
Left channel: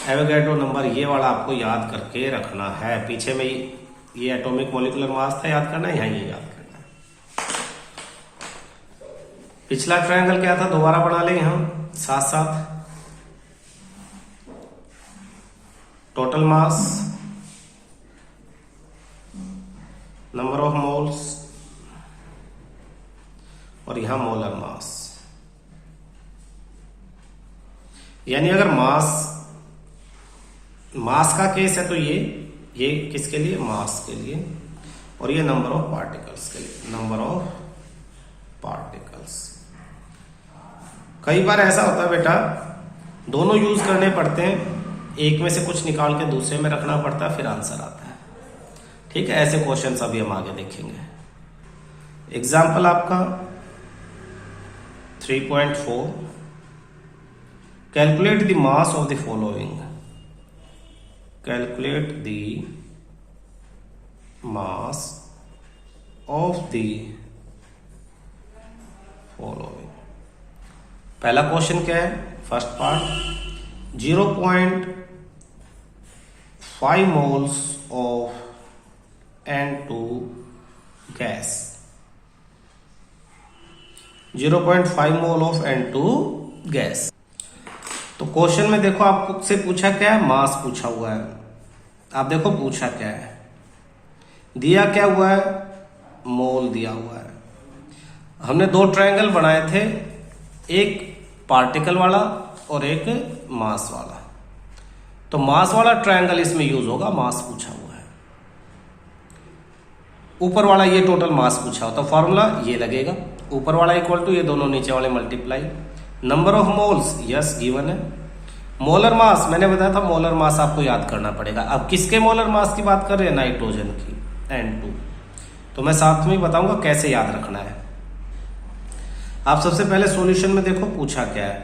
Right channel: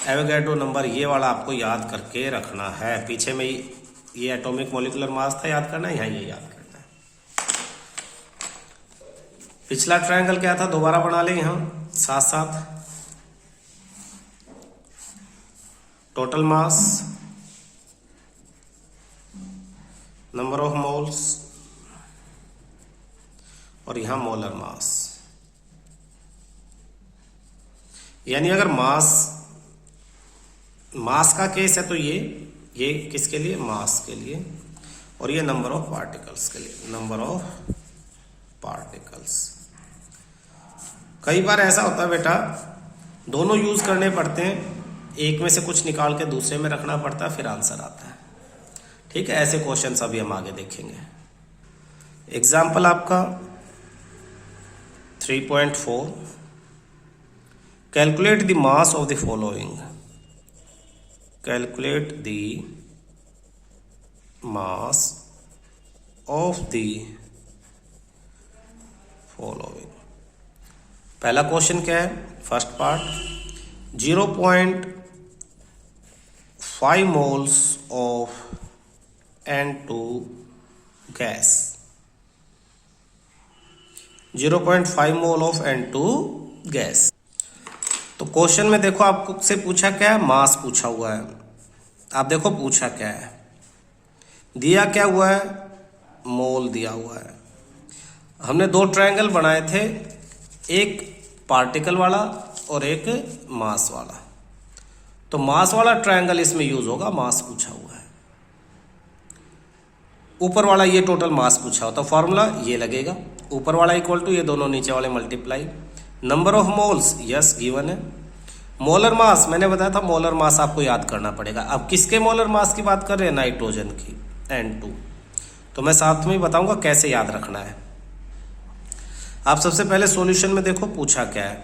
एवोगैड्रो नंबर ये वाला आपको याद करके रखना है। पीछे में ये एटॉमिक मॉलिक्यूलर मास था, याद करना है, यहाँ ये याद करना है। पिछला ट्रायंगल क्या था, दोबारा बना लेंगे हम साथ साथ। Total mass, number of moles, और यहां मोलर मास। यानी अगर मास का केस है तो ये किसके लिए, मास के लिए, और ये नंबर ऑफ पार्टिकल्स के लिए, नंबर ऑफ पार्टिकल्स। कई बार ऐसा होता है बेटा, दोनों यूज करने पड़ते हैं, एक में से कुछ निकाल के दूसरे में रखना पड़ता है, फिर आंसर आता है। ठीक है, ऐसे क्वेश्चन अभी हम आगे देखेंगे। एग्जाम्पल आपका 3.4, calculate the mass of the following. Calculate the mass of the following. पहला क्वेश्चन क्या है, first part, 0.5 moles of N2 gas. 0.5 mole of N2 gas. तो क्वेश्चन में देखो आपसे पूछा क्या है, मास पूछा हुआ है। आप देखो पूछा क्या है, दिया क्या हुआ है, मोल दिया हुआ है। हमने दो ट्रायंगल बनाए थे, एक पार्टिकल वाला और एक मास वाला। तो मास वाला ट्रायंगल इसमें यूज होगा, मास पूछा हुआ है। ऊपर वाला ये टोटल मास पूछा हो तो फॉर्मूला ये लगेगा, ऊपर वाला इक्वल टू ये दोनों नीचे वाले multiply. Number of moles yes given है। मोलर मास मैंने बताया था, मोलर मास आपको याद करना पड़ेगा। अब किसके मोलर मास की बात कर रहे हैं, नाइट्रोजन की, N2। तो मैं साथ में बताऊंगा कैसे याद रखना है। आप सबसे पहले सॉल्यूशन में देखो पूछा क्या है,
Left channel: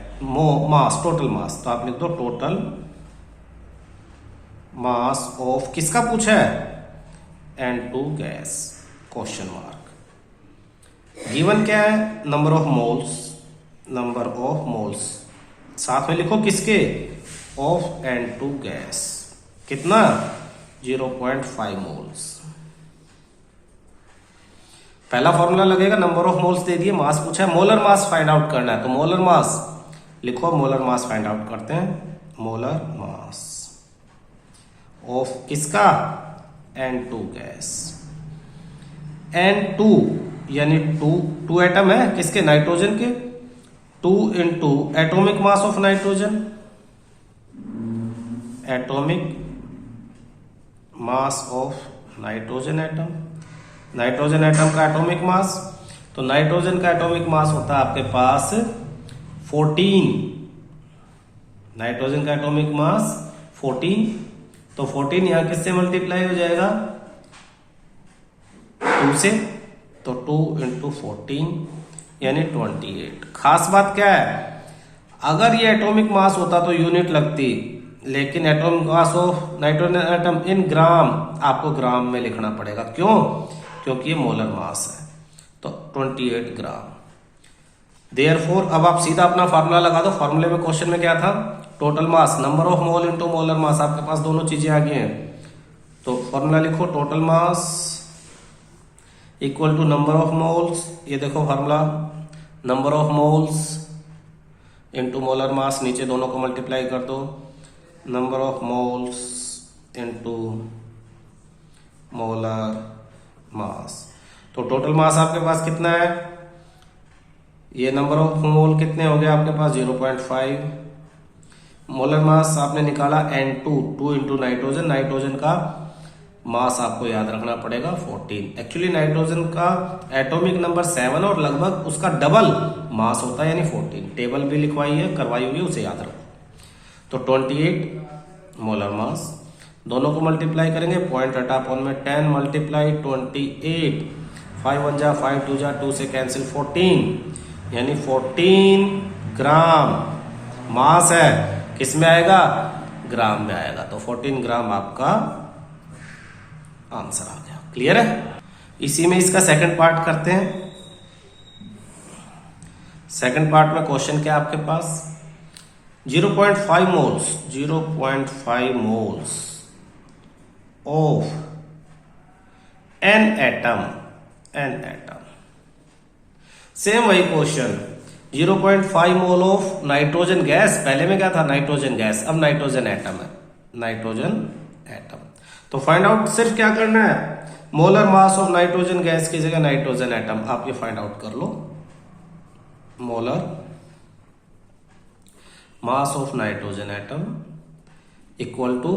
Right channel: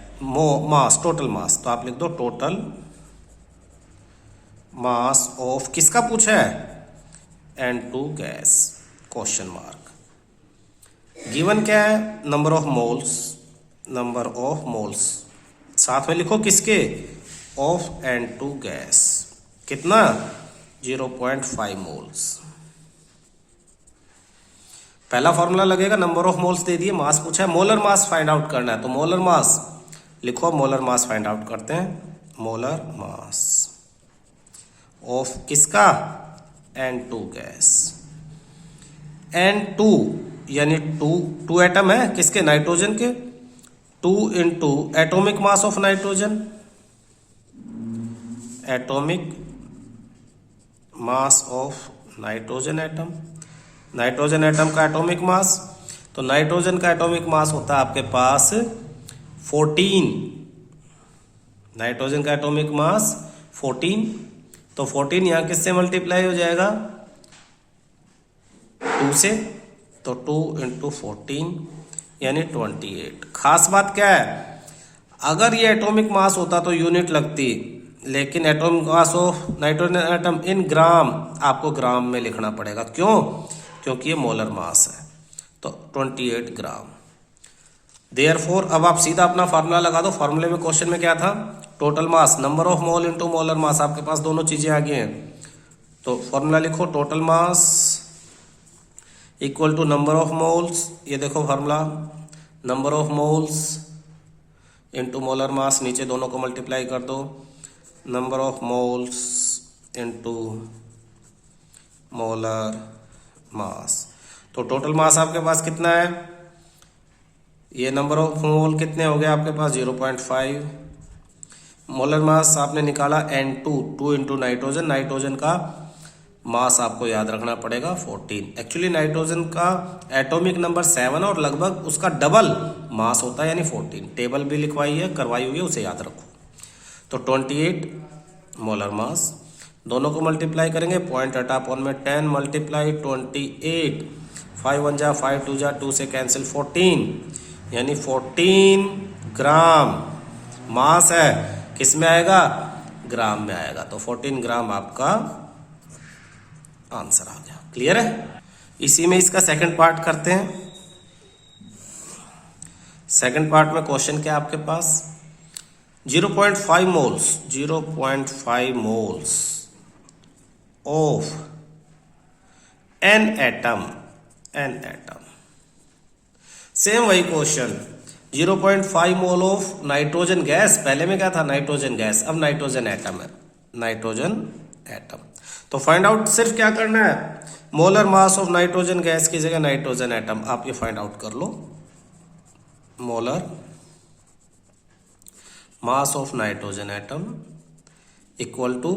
मास, टोटल मास। तो आप लिख दो टोटल मास ऑफ, किसका पूछा है, N2 gas, question mark. Given क्या है, number of moles, number of moles. साथ में लिखो किसके, ऑफ N2 गैस, कितना, 0.5 मोल्स। पहला फॉर्मूला लगेगा, नंबर ऑफ मोल्स दे दिए, मास पूछा है, मोलर मास फाइंड आउट करना है। तो मोलर मास लिखो, मोलर मास फाइंड आउट करते हैं। मोलर मास ऑफ किसका, N2 गैस। N2 यानी टू एटम है किसके, नाइट्रोजन के। 2 into atomic mass of nitrogen, atomic mass of nitrogen atom. Nitrogen atom का एटॉमिक मास, तो नाइट्रोजन का एटॉमिक मास होता है आपके पास 14। नाइट्रोजन का एटॉमिक मास 14, तो 14 यहां किससे मल्टीप्लाई हो जाएगा, 2 से। तो 2 इंटू 14 यानी 28। खास बात क्या है, अगर ये एटॉमिक मास होता तो यूनिट लगती, लेकिन atomic mass of nitrogen atom in gram, आपको ग्राम में लिखना पड़ेगा। क्यों, क्योंकि ये मोलर मास है। तो 28 ग्राम। देयरफॉर अब आप सीधा अपना फार्मूला लगा दो। फार्मूले में क्वेश्चन में क्या था, total mass, number of mole into molar मास। आपके पास दोनों चीजें आ गई हैं, तो फार्मूला लिखो, total mass equal to number of moles. ये देखो formula, number of moles into molar mass, नीचे दोनों को मल्टीप्लाई कर दो, number of moles into molar mass. तो टोटल मास आपके पास कितना है, ये नंबर ऑफ मोल कितने हो गए आपके पास, 0.5। मोलर मास आपने निकाला N2, 2 इंटू नाइट्रोजन। नाइट्रोजन का मास आपको याद रखना पड़ेगा 14। एक्चुअली नाइट्रोजन का एटॉमिक नंबर 7 और लगभग उसका डबल मास होता है, यानी 14। टेबल भी लिखवाई है, करवाई हुई है, उसे याद रखो। तो 28 मोलर मास, दोनों को मल्टीप्लाई करेंगे, पॉइंट हटा अपॉन में 10 मल्टीप्लाई 28, 5 1 जा 5 2 जा 2 से कैंसिल 14, यानी 14 ग्राम मास है। किस में आएगा, ग्राम में आएगा। तो 14 ग्राम आपका आंसर आ गया। क्लियर है। इसी में इसका सेकंड पार्ट करते हैं। सेकंड पार्ट में क्वेश्चन क्या आपके पास 0.5 moles 0.5 moles of an atom same वही question 0.5 mole of nitrogen gas, पहले में क्या था नाइट्रोजन गैस, अब नाइट्रोजन एटम है, नाइट्रोजन एटम। तो फाइंड आउट सिर्फ क्या करना है, molar mass of nitrogen gas की जगह नाइट्रोजन एटम आप ये फाइंड आउट कर लो। Molar mass of nitrogen atom equal to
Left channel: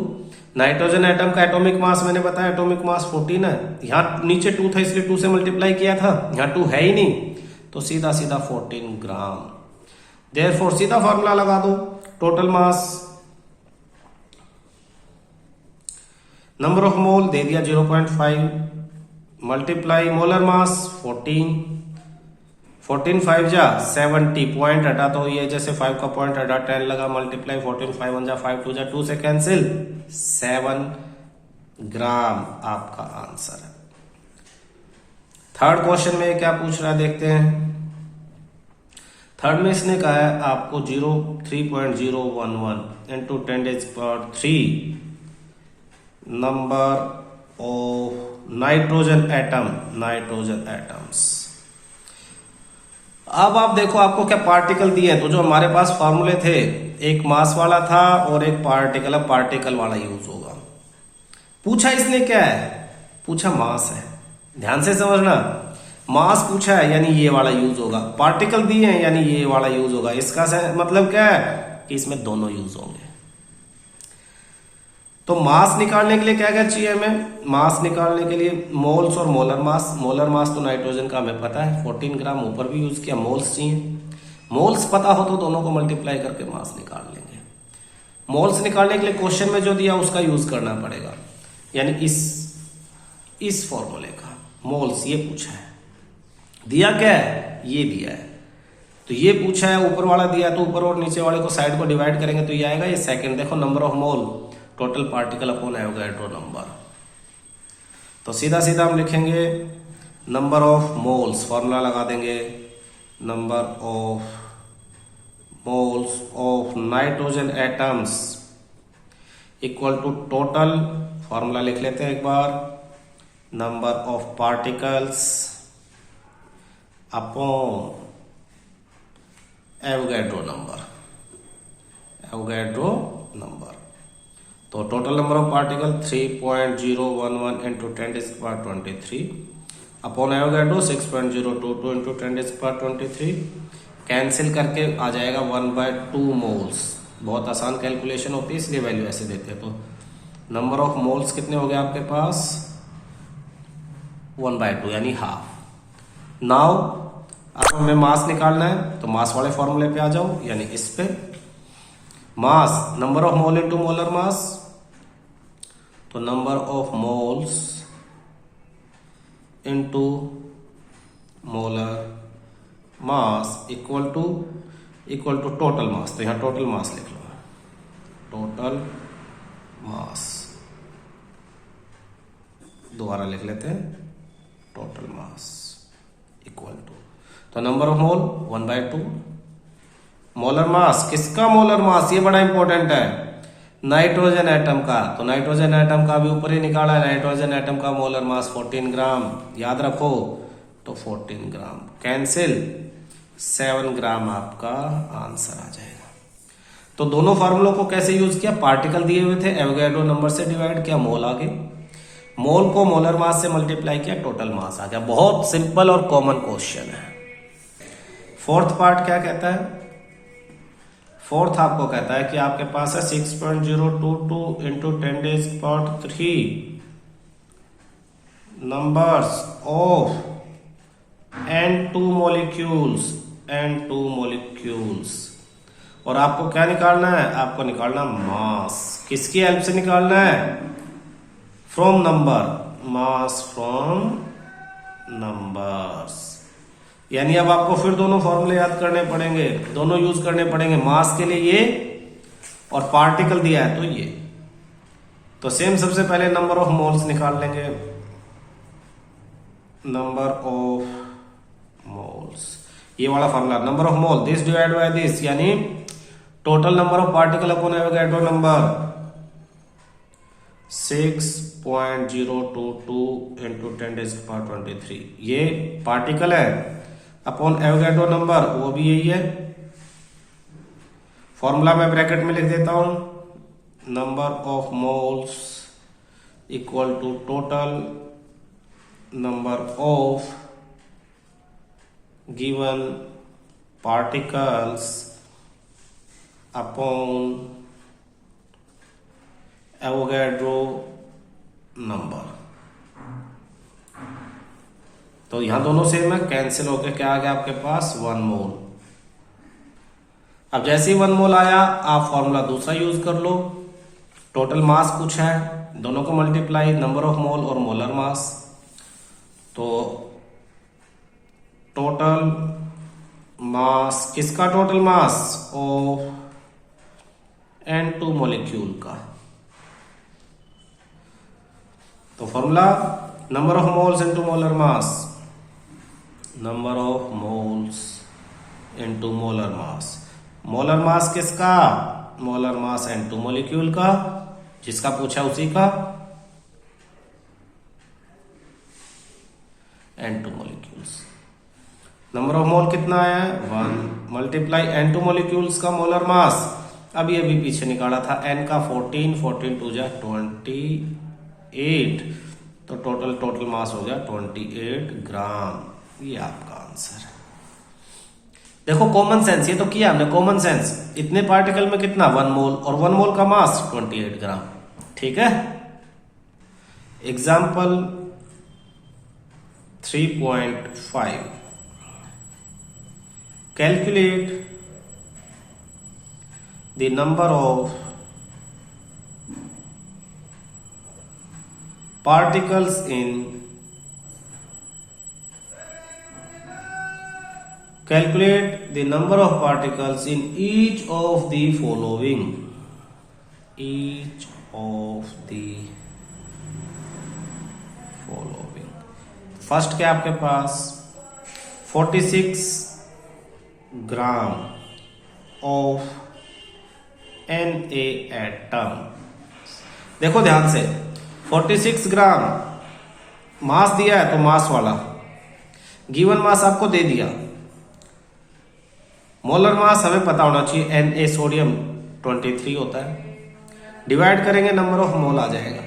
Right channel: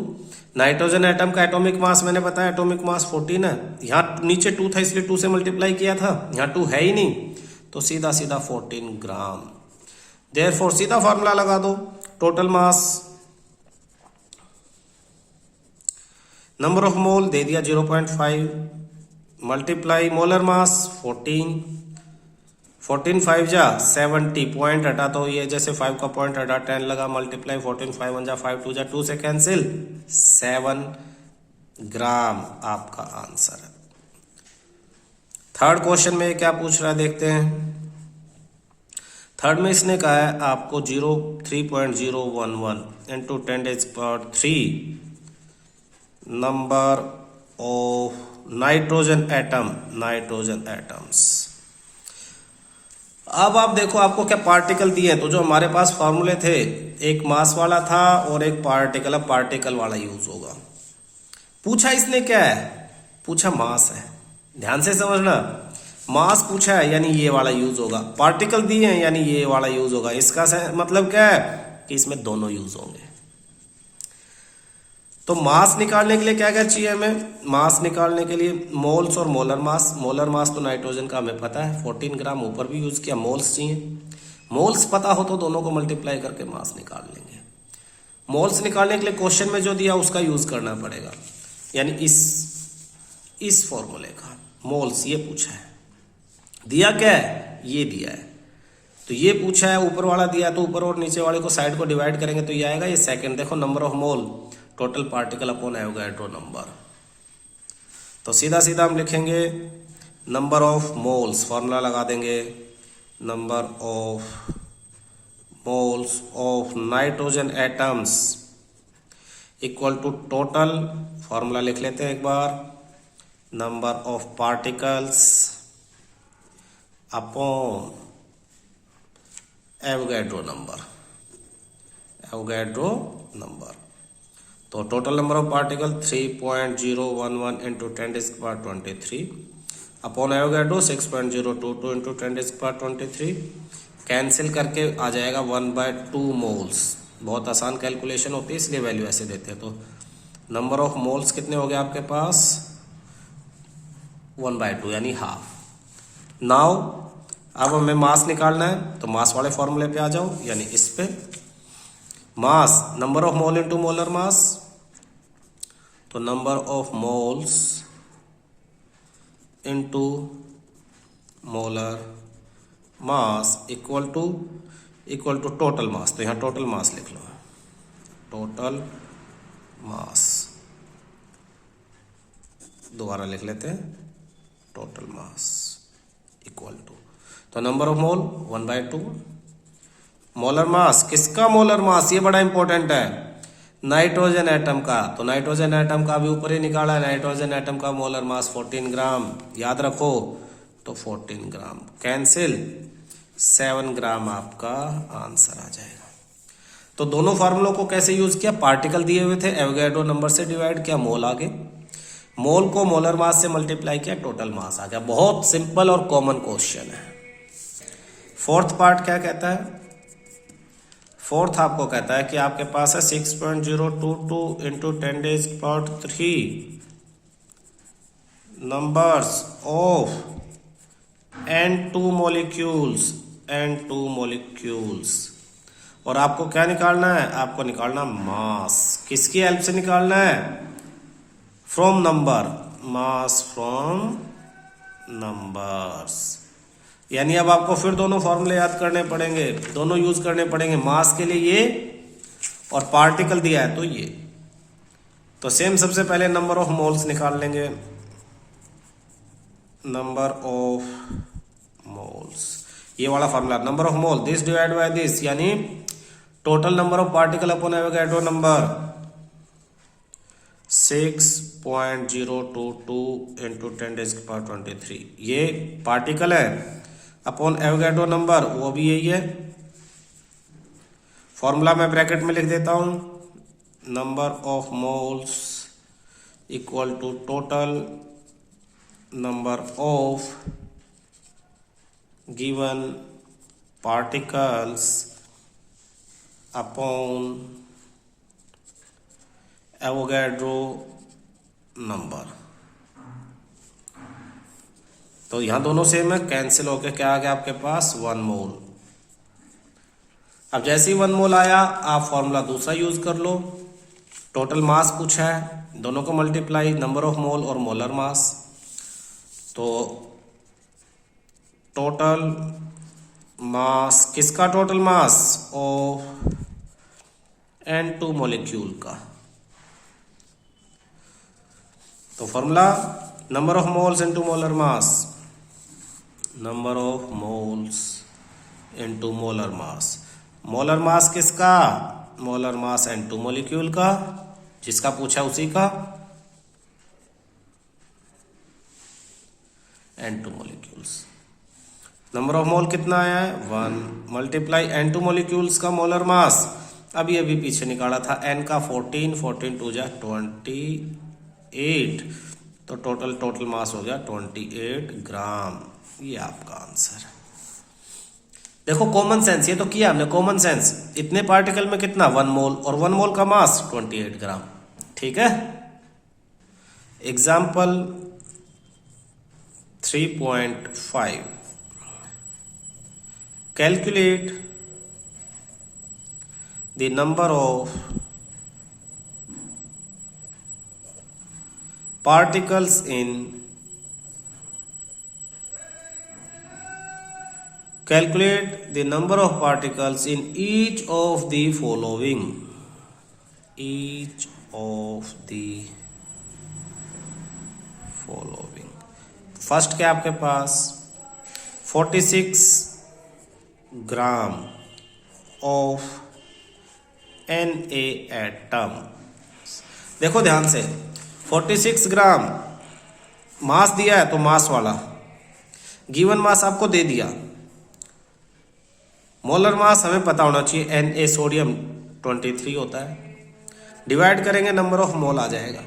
nitrogen atom का एटॉमिक मास मैंने बताया एटॉमिक मास 14 है, यहां नीचे 2 था इसलिए 2 से मल्टीप्लाई किया था, यहां 2 है ही नहीं तो सीधा सीधा 14 ग्राम। देयरफॉर सीधा फॉर्मूला लगा दो, total mass number of mole दे दिया 0.5 मल्टीप्लाई मोलर मास 14 5 जा 70 पॉइंट हटा तो ये जैसे 5 का पॉइंट हटा 10 लगा मल्टीप्लाई 14 5 1 जा 5 2 जा 2 से कैंसिल 7 ग्राम आपका आंसर है। थर्ड क्वेश्चन में क्या पूछ रहा है देखते हैं। थर्ड में इसने कहा है आपको 3.011 into 10⁻³ number of nitrogen atoms. अब आप देखो आपको क्या पार्टिकल दिए हैं, तो जो हमारे पास फॉर्मूले थे एक मास वाला था और एक पार्टिकल, अब पार्टिकल वाला यूज होगा। पूछा इसने क्या है, पूछा मास है, ध्यान से समझना, मास पूछा है यानी ये वाला यूज होगा, पार्टिकल दिए हैं यानी ये वाला यूज होगा। इसका मतलब क्या है कि इसमें दोनों यूज होंगे। तो मास निकालने के लिए क्या क्या चाहिए हमें, मास निकालने के लिए मोल्स और मोलर मास तो नाइट्रोजन का हमें पता है 14 ग्राम, ऊपर भी यूज किया, मोल्स चाहिए। मोल्स पता हो तो दोनों को मल्टीप्लाई करके मास निकाल लेंगे। मोल्स निकालने के लिए क्वेश्चन में जो दिया उसका यूज करना पड़ेगा, यानी इस फॉर्मूले का मोल्स ये पूछा है, दिया क्या है ये दिया है, तो ये पूछा है ऊपर वाला दिया तो ऊपर और नीचे वाले को साइड को डिवाइड करेंगे तो ये आएगा ये सेकंड। देखो number of mole total particle upon Avogadro number, तो सीधा सीधा हम लिखेंगे नंबर ऑफ मोल्स, फॉर्मूला लगा देंगे number of moles of nitrogen atoms equal to total, formula लिख लेते हैं एक बार, number of particles upon Avogadro number. तो total number of particle 3.011 into 10⁻23 upon Avogadro 6.022 into 10⁻23, cancel करके आ जाएगा 1/2 मोल्स। बहुत आसान कैलकुलेशन होती है इसलिए वैल्यू ऐसे देते हैं। तो नंबर ऑफ मोल्स कितने हो गए आपके पास 1/2 यानी हाफ। नाउ अब हमें मास निकालना है तो मास वाले फॉर्मूले पे आ जाओ, यानी इस पे mass number of mole into molar mass, तो number of moles into molar mass equal to total mass. तो यहां टोटल मास लिख लो, टोटल मास दोबारा लिख लेते हैं, टोटल मास इक्वल टू, तो number of mole 1/2, molar mass किसका, मोलर मास ये बड़ा इंपॉर्टेंट है नाइट्रोजन एटम का, तो नाइट्रोजन एटम का भी ऊपर ही निकाला, नाइट्रोजन एटम का मोलर मास 14 ग्राम, याद रखो तो 14 ग्राम कैंसिल 7 ग्राम आपका आंसर आ जाएगा। तो दोनों फार्मूलों को कैसे यूज किया, पार्टिकल दिए हुए थे एवोगैड्रो नंबर से डिवाइड किया, मोल आगे, मोल को मोलर मास से मल्टीप्लाई किया, टोटल मास आ गया। बहुत सिंपल और कॉमन क्वेश्चन है। फोर्थ पार्ट क्या कहता है, फोर्थ आपको कहता है कि आपके पास है 6.022 into 10⁻³ numbers of N2 molecules, और आपको क्या निकालना है, आपको निकालना मास, किसकी हेल्प से निकालना है, from number, mass from numbers. यानी अब आपको फिर दोनों फॉर्मूले याद करने पड़ेंगे, दोनों यूज करने पड़ेंगे, मास के लिए ये और पार्टिकल दिया है तो ये। तो सेम सबसे पहले नंबर ऑफ मोल्स निकाल लेंगे, नंबर ऑफ मोल्स ये वाला formula, number of mole this divide by this, यानी total number of particle upon Avogadro number 6.022 into 10⁻23। ये पार्टिकल है अपॉन एवोगैड्रो नंबर, वो भी यही है। फॉर्मूला मैं ब्रैकेट में लिख देता हूं, number of moles equal to total number of given particles upon Avogadro number. तो यहां दोनों सेम है, कैंसिल होकर क्या आ गया आपके पास 1 मोल। अब जैसे ही 1 मोल आया आप फॉर्मूला दूसरा यूज कर लो, टोटल मास पूछा है, दोनों को मल्टीप्लाई नंबर ऑफ मोल और मोलर मास, तो टोटल मास किसका, total mass of N2 molecule का। तो formula number of moles into molar mass, number of moles into molar mass. Molar mass किसका, मोलर मास N2 मॉलिक्यूल का, जिसका पूछा उसी का, N2 मॉलिक्यूल्स। नंबर ऑफ मोल कितना है 1, मल्टीप्लाई N2 मॉलिक्यूल्स का मोलर मास, अभी अभी पीछे निकाला था, N का 14, 14 2 जा 28, तो टोटल मास हो गया 28 ग्राम। ये आपका आंसर। देखो कॉमन सेंस, ये तो किया हमने कॉमन सेंस, इतने पार्टिकल में कितना 1 मोल, और 1 मोल का मास 28 ग्राम। ठीक है। Example 3.5, calculate the number of particles in calculate the number of particles in each of the following, each of the following। First क्या आपके पास 46 ग्राम ऑफ Na एटम। देखो ध्यान से, 46 ग्राम मास दिया है, तो मास वाला गिवन मास आपको दे दिया, मोलर मास हमें पता होना चाहिए, Na सोडियम 23 होता है, डिवाइड करेंगे नंबर ऑफ मोल आ जाएगा।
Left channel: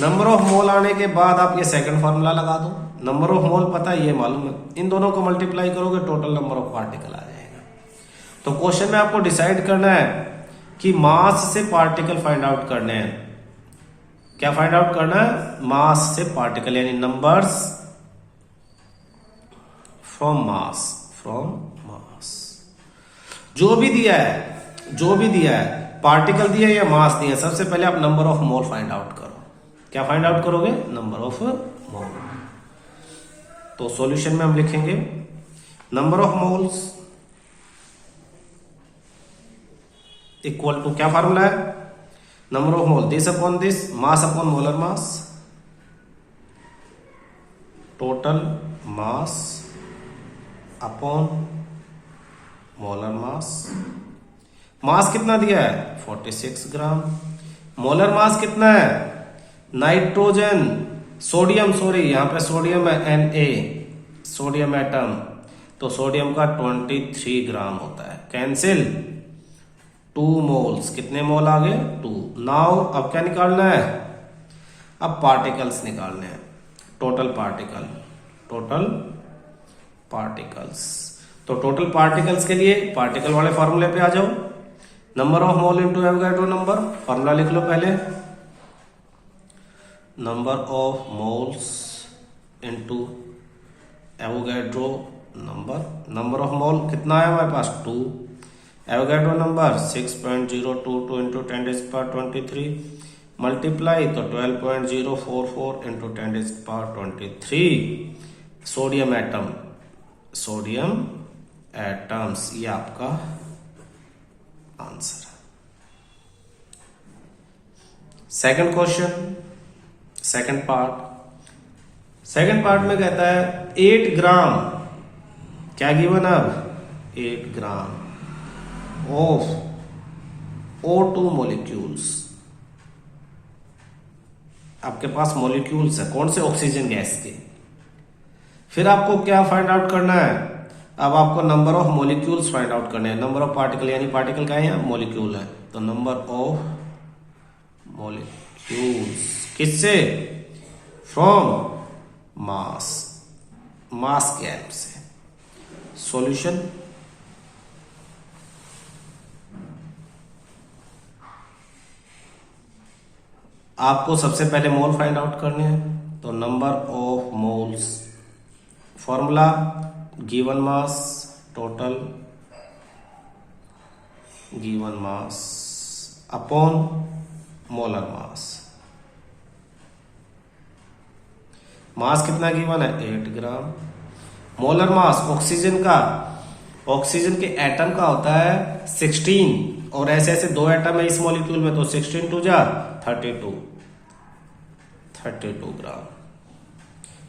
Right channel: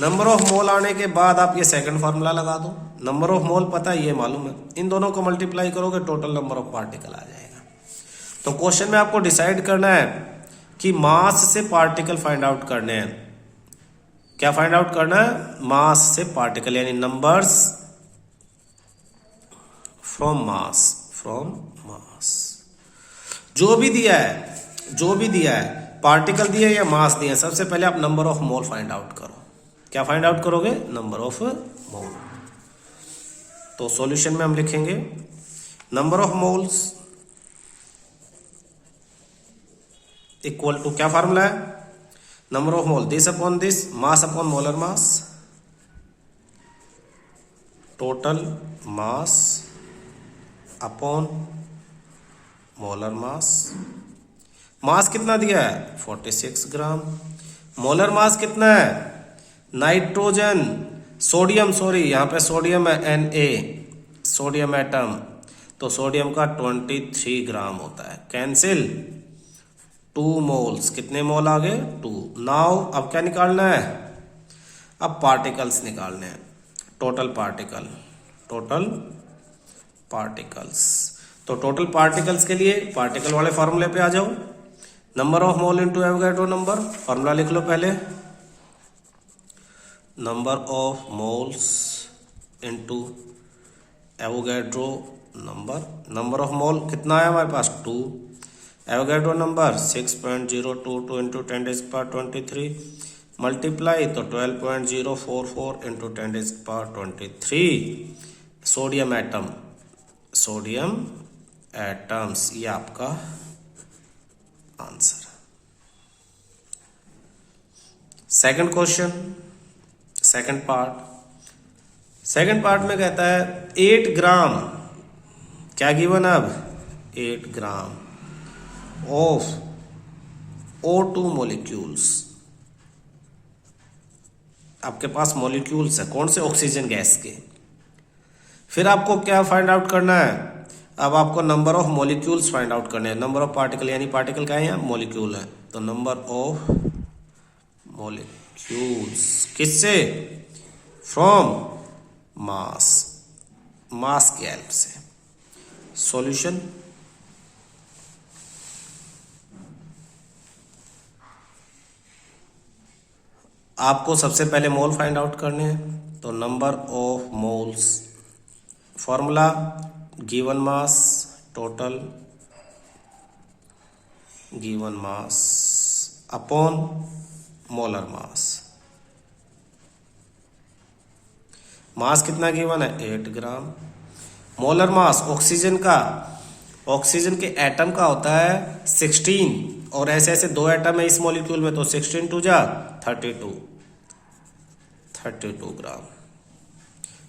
नंबर ऑफ मोल आने के बाद आप ये सेकंड फार्मूला लगा दो, नंबर ऑफ मोल पता है, ये मालूम है, इन दोनों को मल्टीप्लाई करोगे टोटल नंबर ऑफ पार्टिकल आ जाएंगे। तो क्वेश्चन में आपको डिसाइड करना है कि मास से पार्टिकल फाइंड आउट करने हैं। क्या फाइंड आउट करना है, मास से पार्टिकल, यानी नंबर्स फ्रॉम मास, जो भी दिया है पार्टिकल दिया या मास दिया, सबसे पहले आप number of mole find out करो। क्या फाइंड आउट करोगे, नंबर ऑफ मोल। तो सॉल्यूशन में हम लिखेंगे number of moles equal to, क्या फार्मूला है, number of mole this upon this, mass upon molar mass, total mass upon molar mass. Mass कितना दिया है 46 ग्राम, मोलर मास कितना है, नाइट्रोजन सोडियम, सॉरी यहां पे सोडियम है Na, सोडियम एटम, तो सोडियम का 23 ग्राम होता है, कैंसिल 2 मोल्स, कितने मोल आ गए 2। नाउ अब क्या निकालना है, अब पार्टिकल्स निकालने हैं, टोटल पार्टिकल्स। तो टोटल पार्टिकल्स के लिए पार्टिकल वाले फॉर्मूले पे आ जाओ, number of mole into Avogadro number, formula लिख लो पहले, number of moles into Avogadro number of मोल कितना है हमारे पास 2, एवोगैड्रो नंबर 6.022 इंटू 10⁻23, मल्टीप्लाई तो 12.044 इंटू 10⁻23, सोडियम एटम्स, ये आपका answer. Second question, second part में कहता है 8 ग्राम क्या गिवन है अब 8 ग्राम ऑफ O2 मॉलिक्यूल्स। आपके पास मॉलिक्यूल्स है कौन से, ऑक्सीजन गैस के। फिर आपको क्या फाइंड आउट करना है, अब आपको number of molecules find out करने हैं। नंबर ऑफ पार्टिकल, यानी पार्टिकल क्या है, मॉलिक्यूल है, तो नंबर ऑफ मॉलिक्यूल्स किससे, फ्रॉम मास, मास के हेल्प से। सॉल्यूशन, आपको सबसे पहले मोल फाइंड आउट करने हैं, तो number of moles, formula given mass total given mass upon molar mass. Mass कितना गिवन है 8 ग्राम। मोलर मास ऑक्सीजन का, ऑक्सीजन के एटम का होता है 16 और ऐसे ऐसे 2 एटम है इस मॉलिक्यूल में, तो 16 2 जा 32 ग्राम।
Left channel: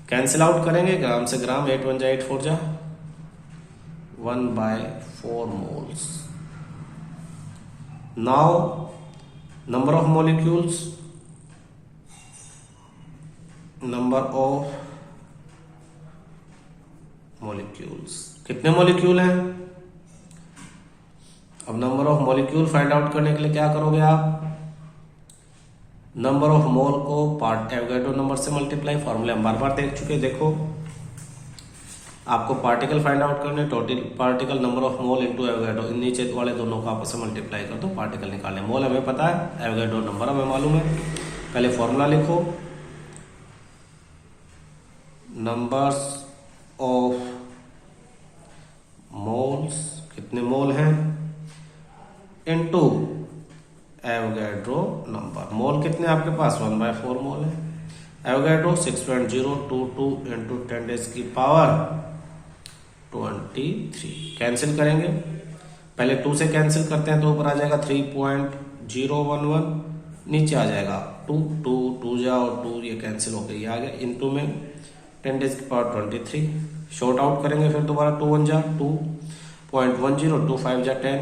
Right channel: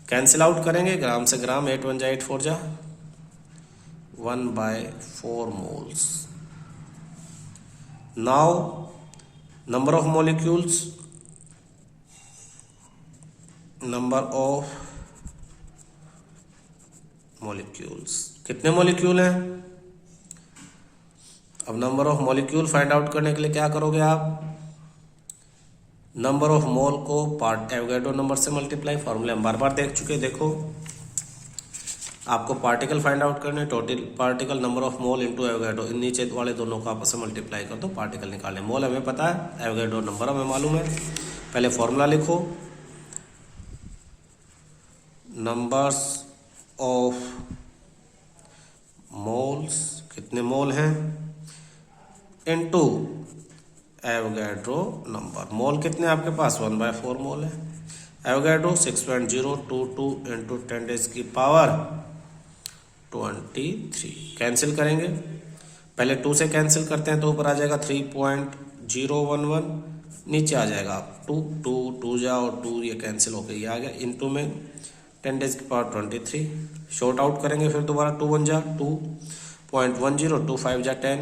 कैंसिल आउट करेंगे, ग्राम से ग्राम, 8 1 जा 8 4 जा 1/4 moles. Now number of molecules, number of molecules, कितने मॉलिक्यूल हैं। अब number of molecule find out करने के लिए क्या करोगे आप, नंबर ऑफ मोल को पार्ट एवोगैड्रो नंबर से मल्टीप्लाई, फॉर्मूले हम बार बार देख चुके। देखो आपको पार्टिकल फाइंड आउट करने, total particle number of mole into Avogadro, इन नीचे वाले दोनों को आपस में मल्टीप्लाई कर दो, पार्टिकल निकालने। मोल हमें पता है, एवोगैड्रो नंबर हमें मालूम है। पहले फॉर्मूला लिखो, नंबर्स ऑफ मोल्स, कितने मोल हैं, इनटू एवोगैड्रो नंबर। मोल कितने आपके पास 1/4 मोल है। Avogadro 6.022 into 10⁻23। कैंसिल करेंगे, पहले 2 से कैंसिल करते हैं तो ऊपर आ जाएगा 3.011, नीचे आ जाएगा 2 2 2 जा और 2 ये कैंसिल हो गई, ये आ गया इनटू में 10⁻23। शॉर्ट आउट करेंगे, फिर दोबारा 2 1 जा 2.10, 2 5 जा 10,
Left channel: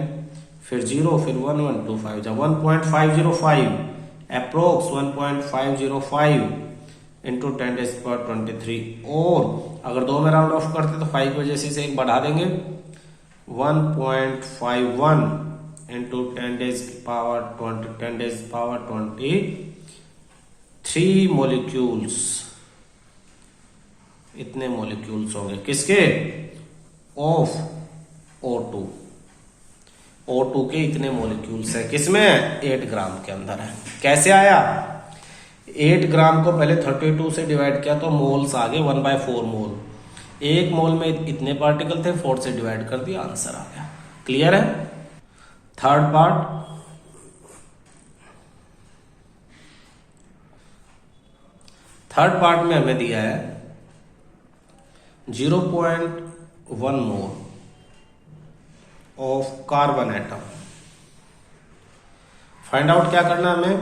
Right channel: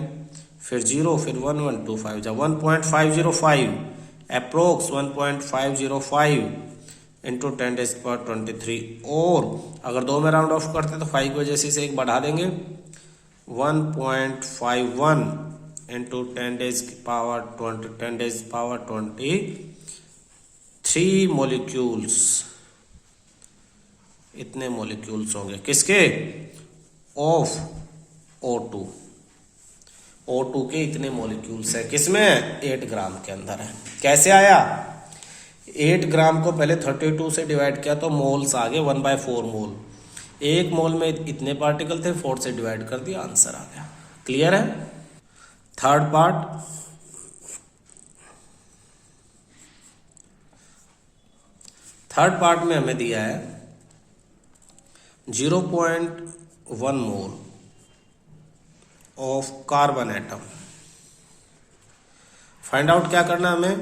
फिर 0, फिर 1 1, 2 5 जा 1.505, अप्रोक्स 1.505 इंटू 10⁻23। और अगर 2 में राउंड ऑफ करते तो 5 की वजह से एक बढ़ा देंगे, 1.51 इंटू 10⁻23 मॉलिक्यूल्स। इतने मॉलिक्यूल्स हो गए किसके, ऑफ O2। O2 के इतने मॉलिक्यूल्स है, किसमें 8 ग्राम के अंदर है। कैसे आया, 8 ग्राम को पहले 32 से डिवाइड किया तो मोल्स आ गए 1/4 मोल। एक मोल में इतने पार्टिकल थे, 4 से डिवाइड कर दिया, आंसर आ गया। क्लियर है। थर्ड पार्ट में हमें दिया है 0.1 mole of carbon atom. Find out क्या करना है हमें,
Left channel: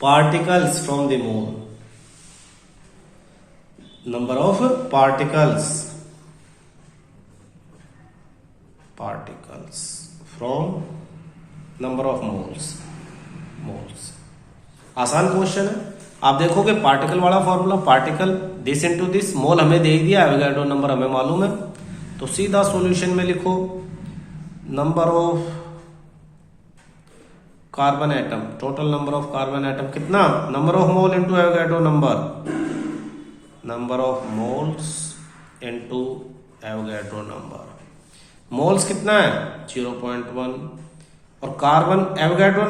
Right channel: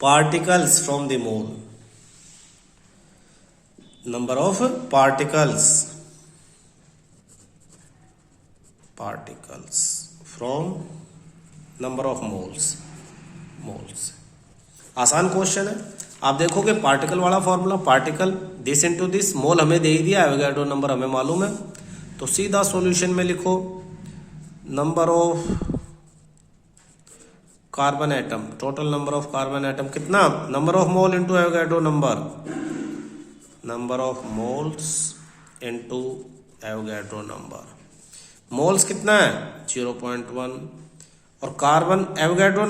particles from the mole, number of particles from number of moles. आसान क्वेश्चन है। आप देखोगे पार्टिकल वाला formula, particle this into this, mole हमें दे ही दिया, एवोगैड्रो नंबर हमें मालूम है, तो सीधा सॉल्यूशन में लिखो number of carbon atom, total number of carbon atom कितना, number of mole into Avogadro number of moles into Avogadro number. Moles कितना है 0.1 और कार्बन एवोगैड्रो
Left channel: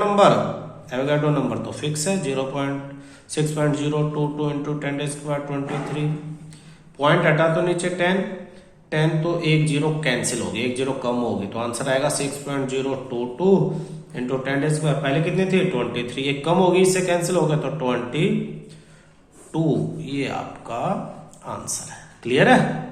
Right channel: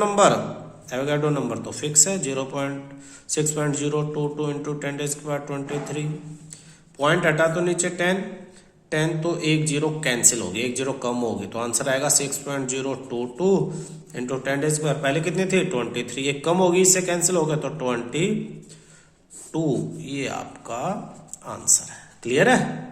नंबर तो फिक्स है 6.022 इंटू 10⁻23। पॉइंट हटा तो नीचे 10 तो एक 0 कैंसिल होगी, एक 0 कम होगी, तो आंसर आएगा 6.022 इंटू 10⁻, पहले कितनी थी 23, एक कम होगी, इससे कैंसिल हो गया तो 22। ये आपका आंसर है। क्लियर है।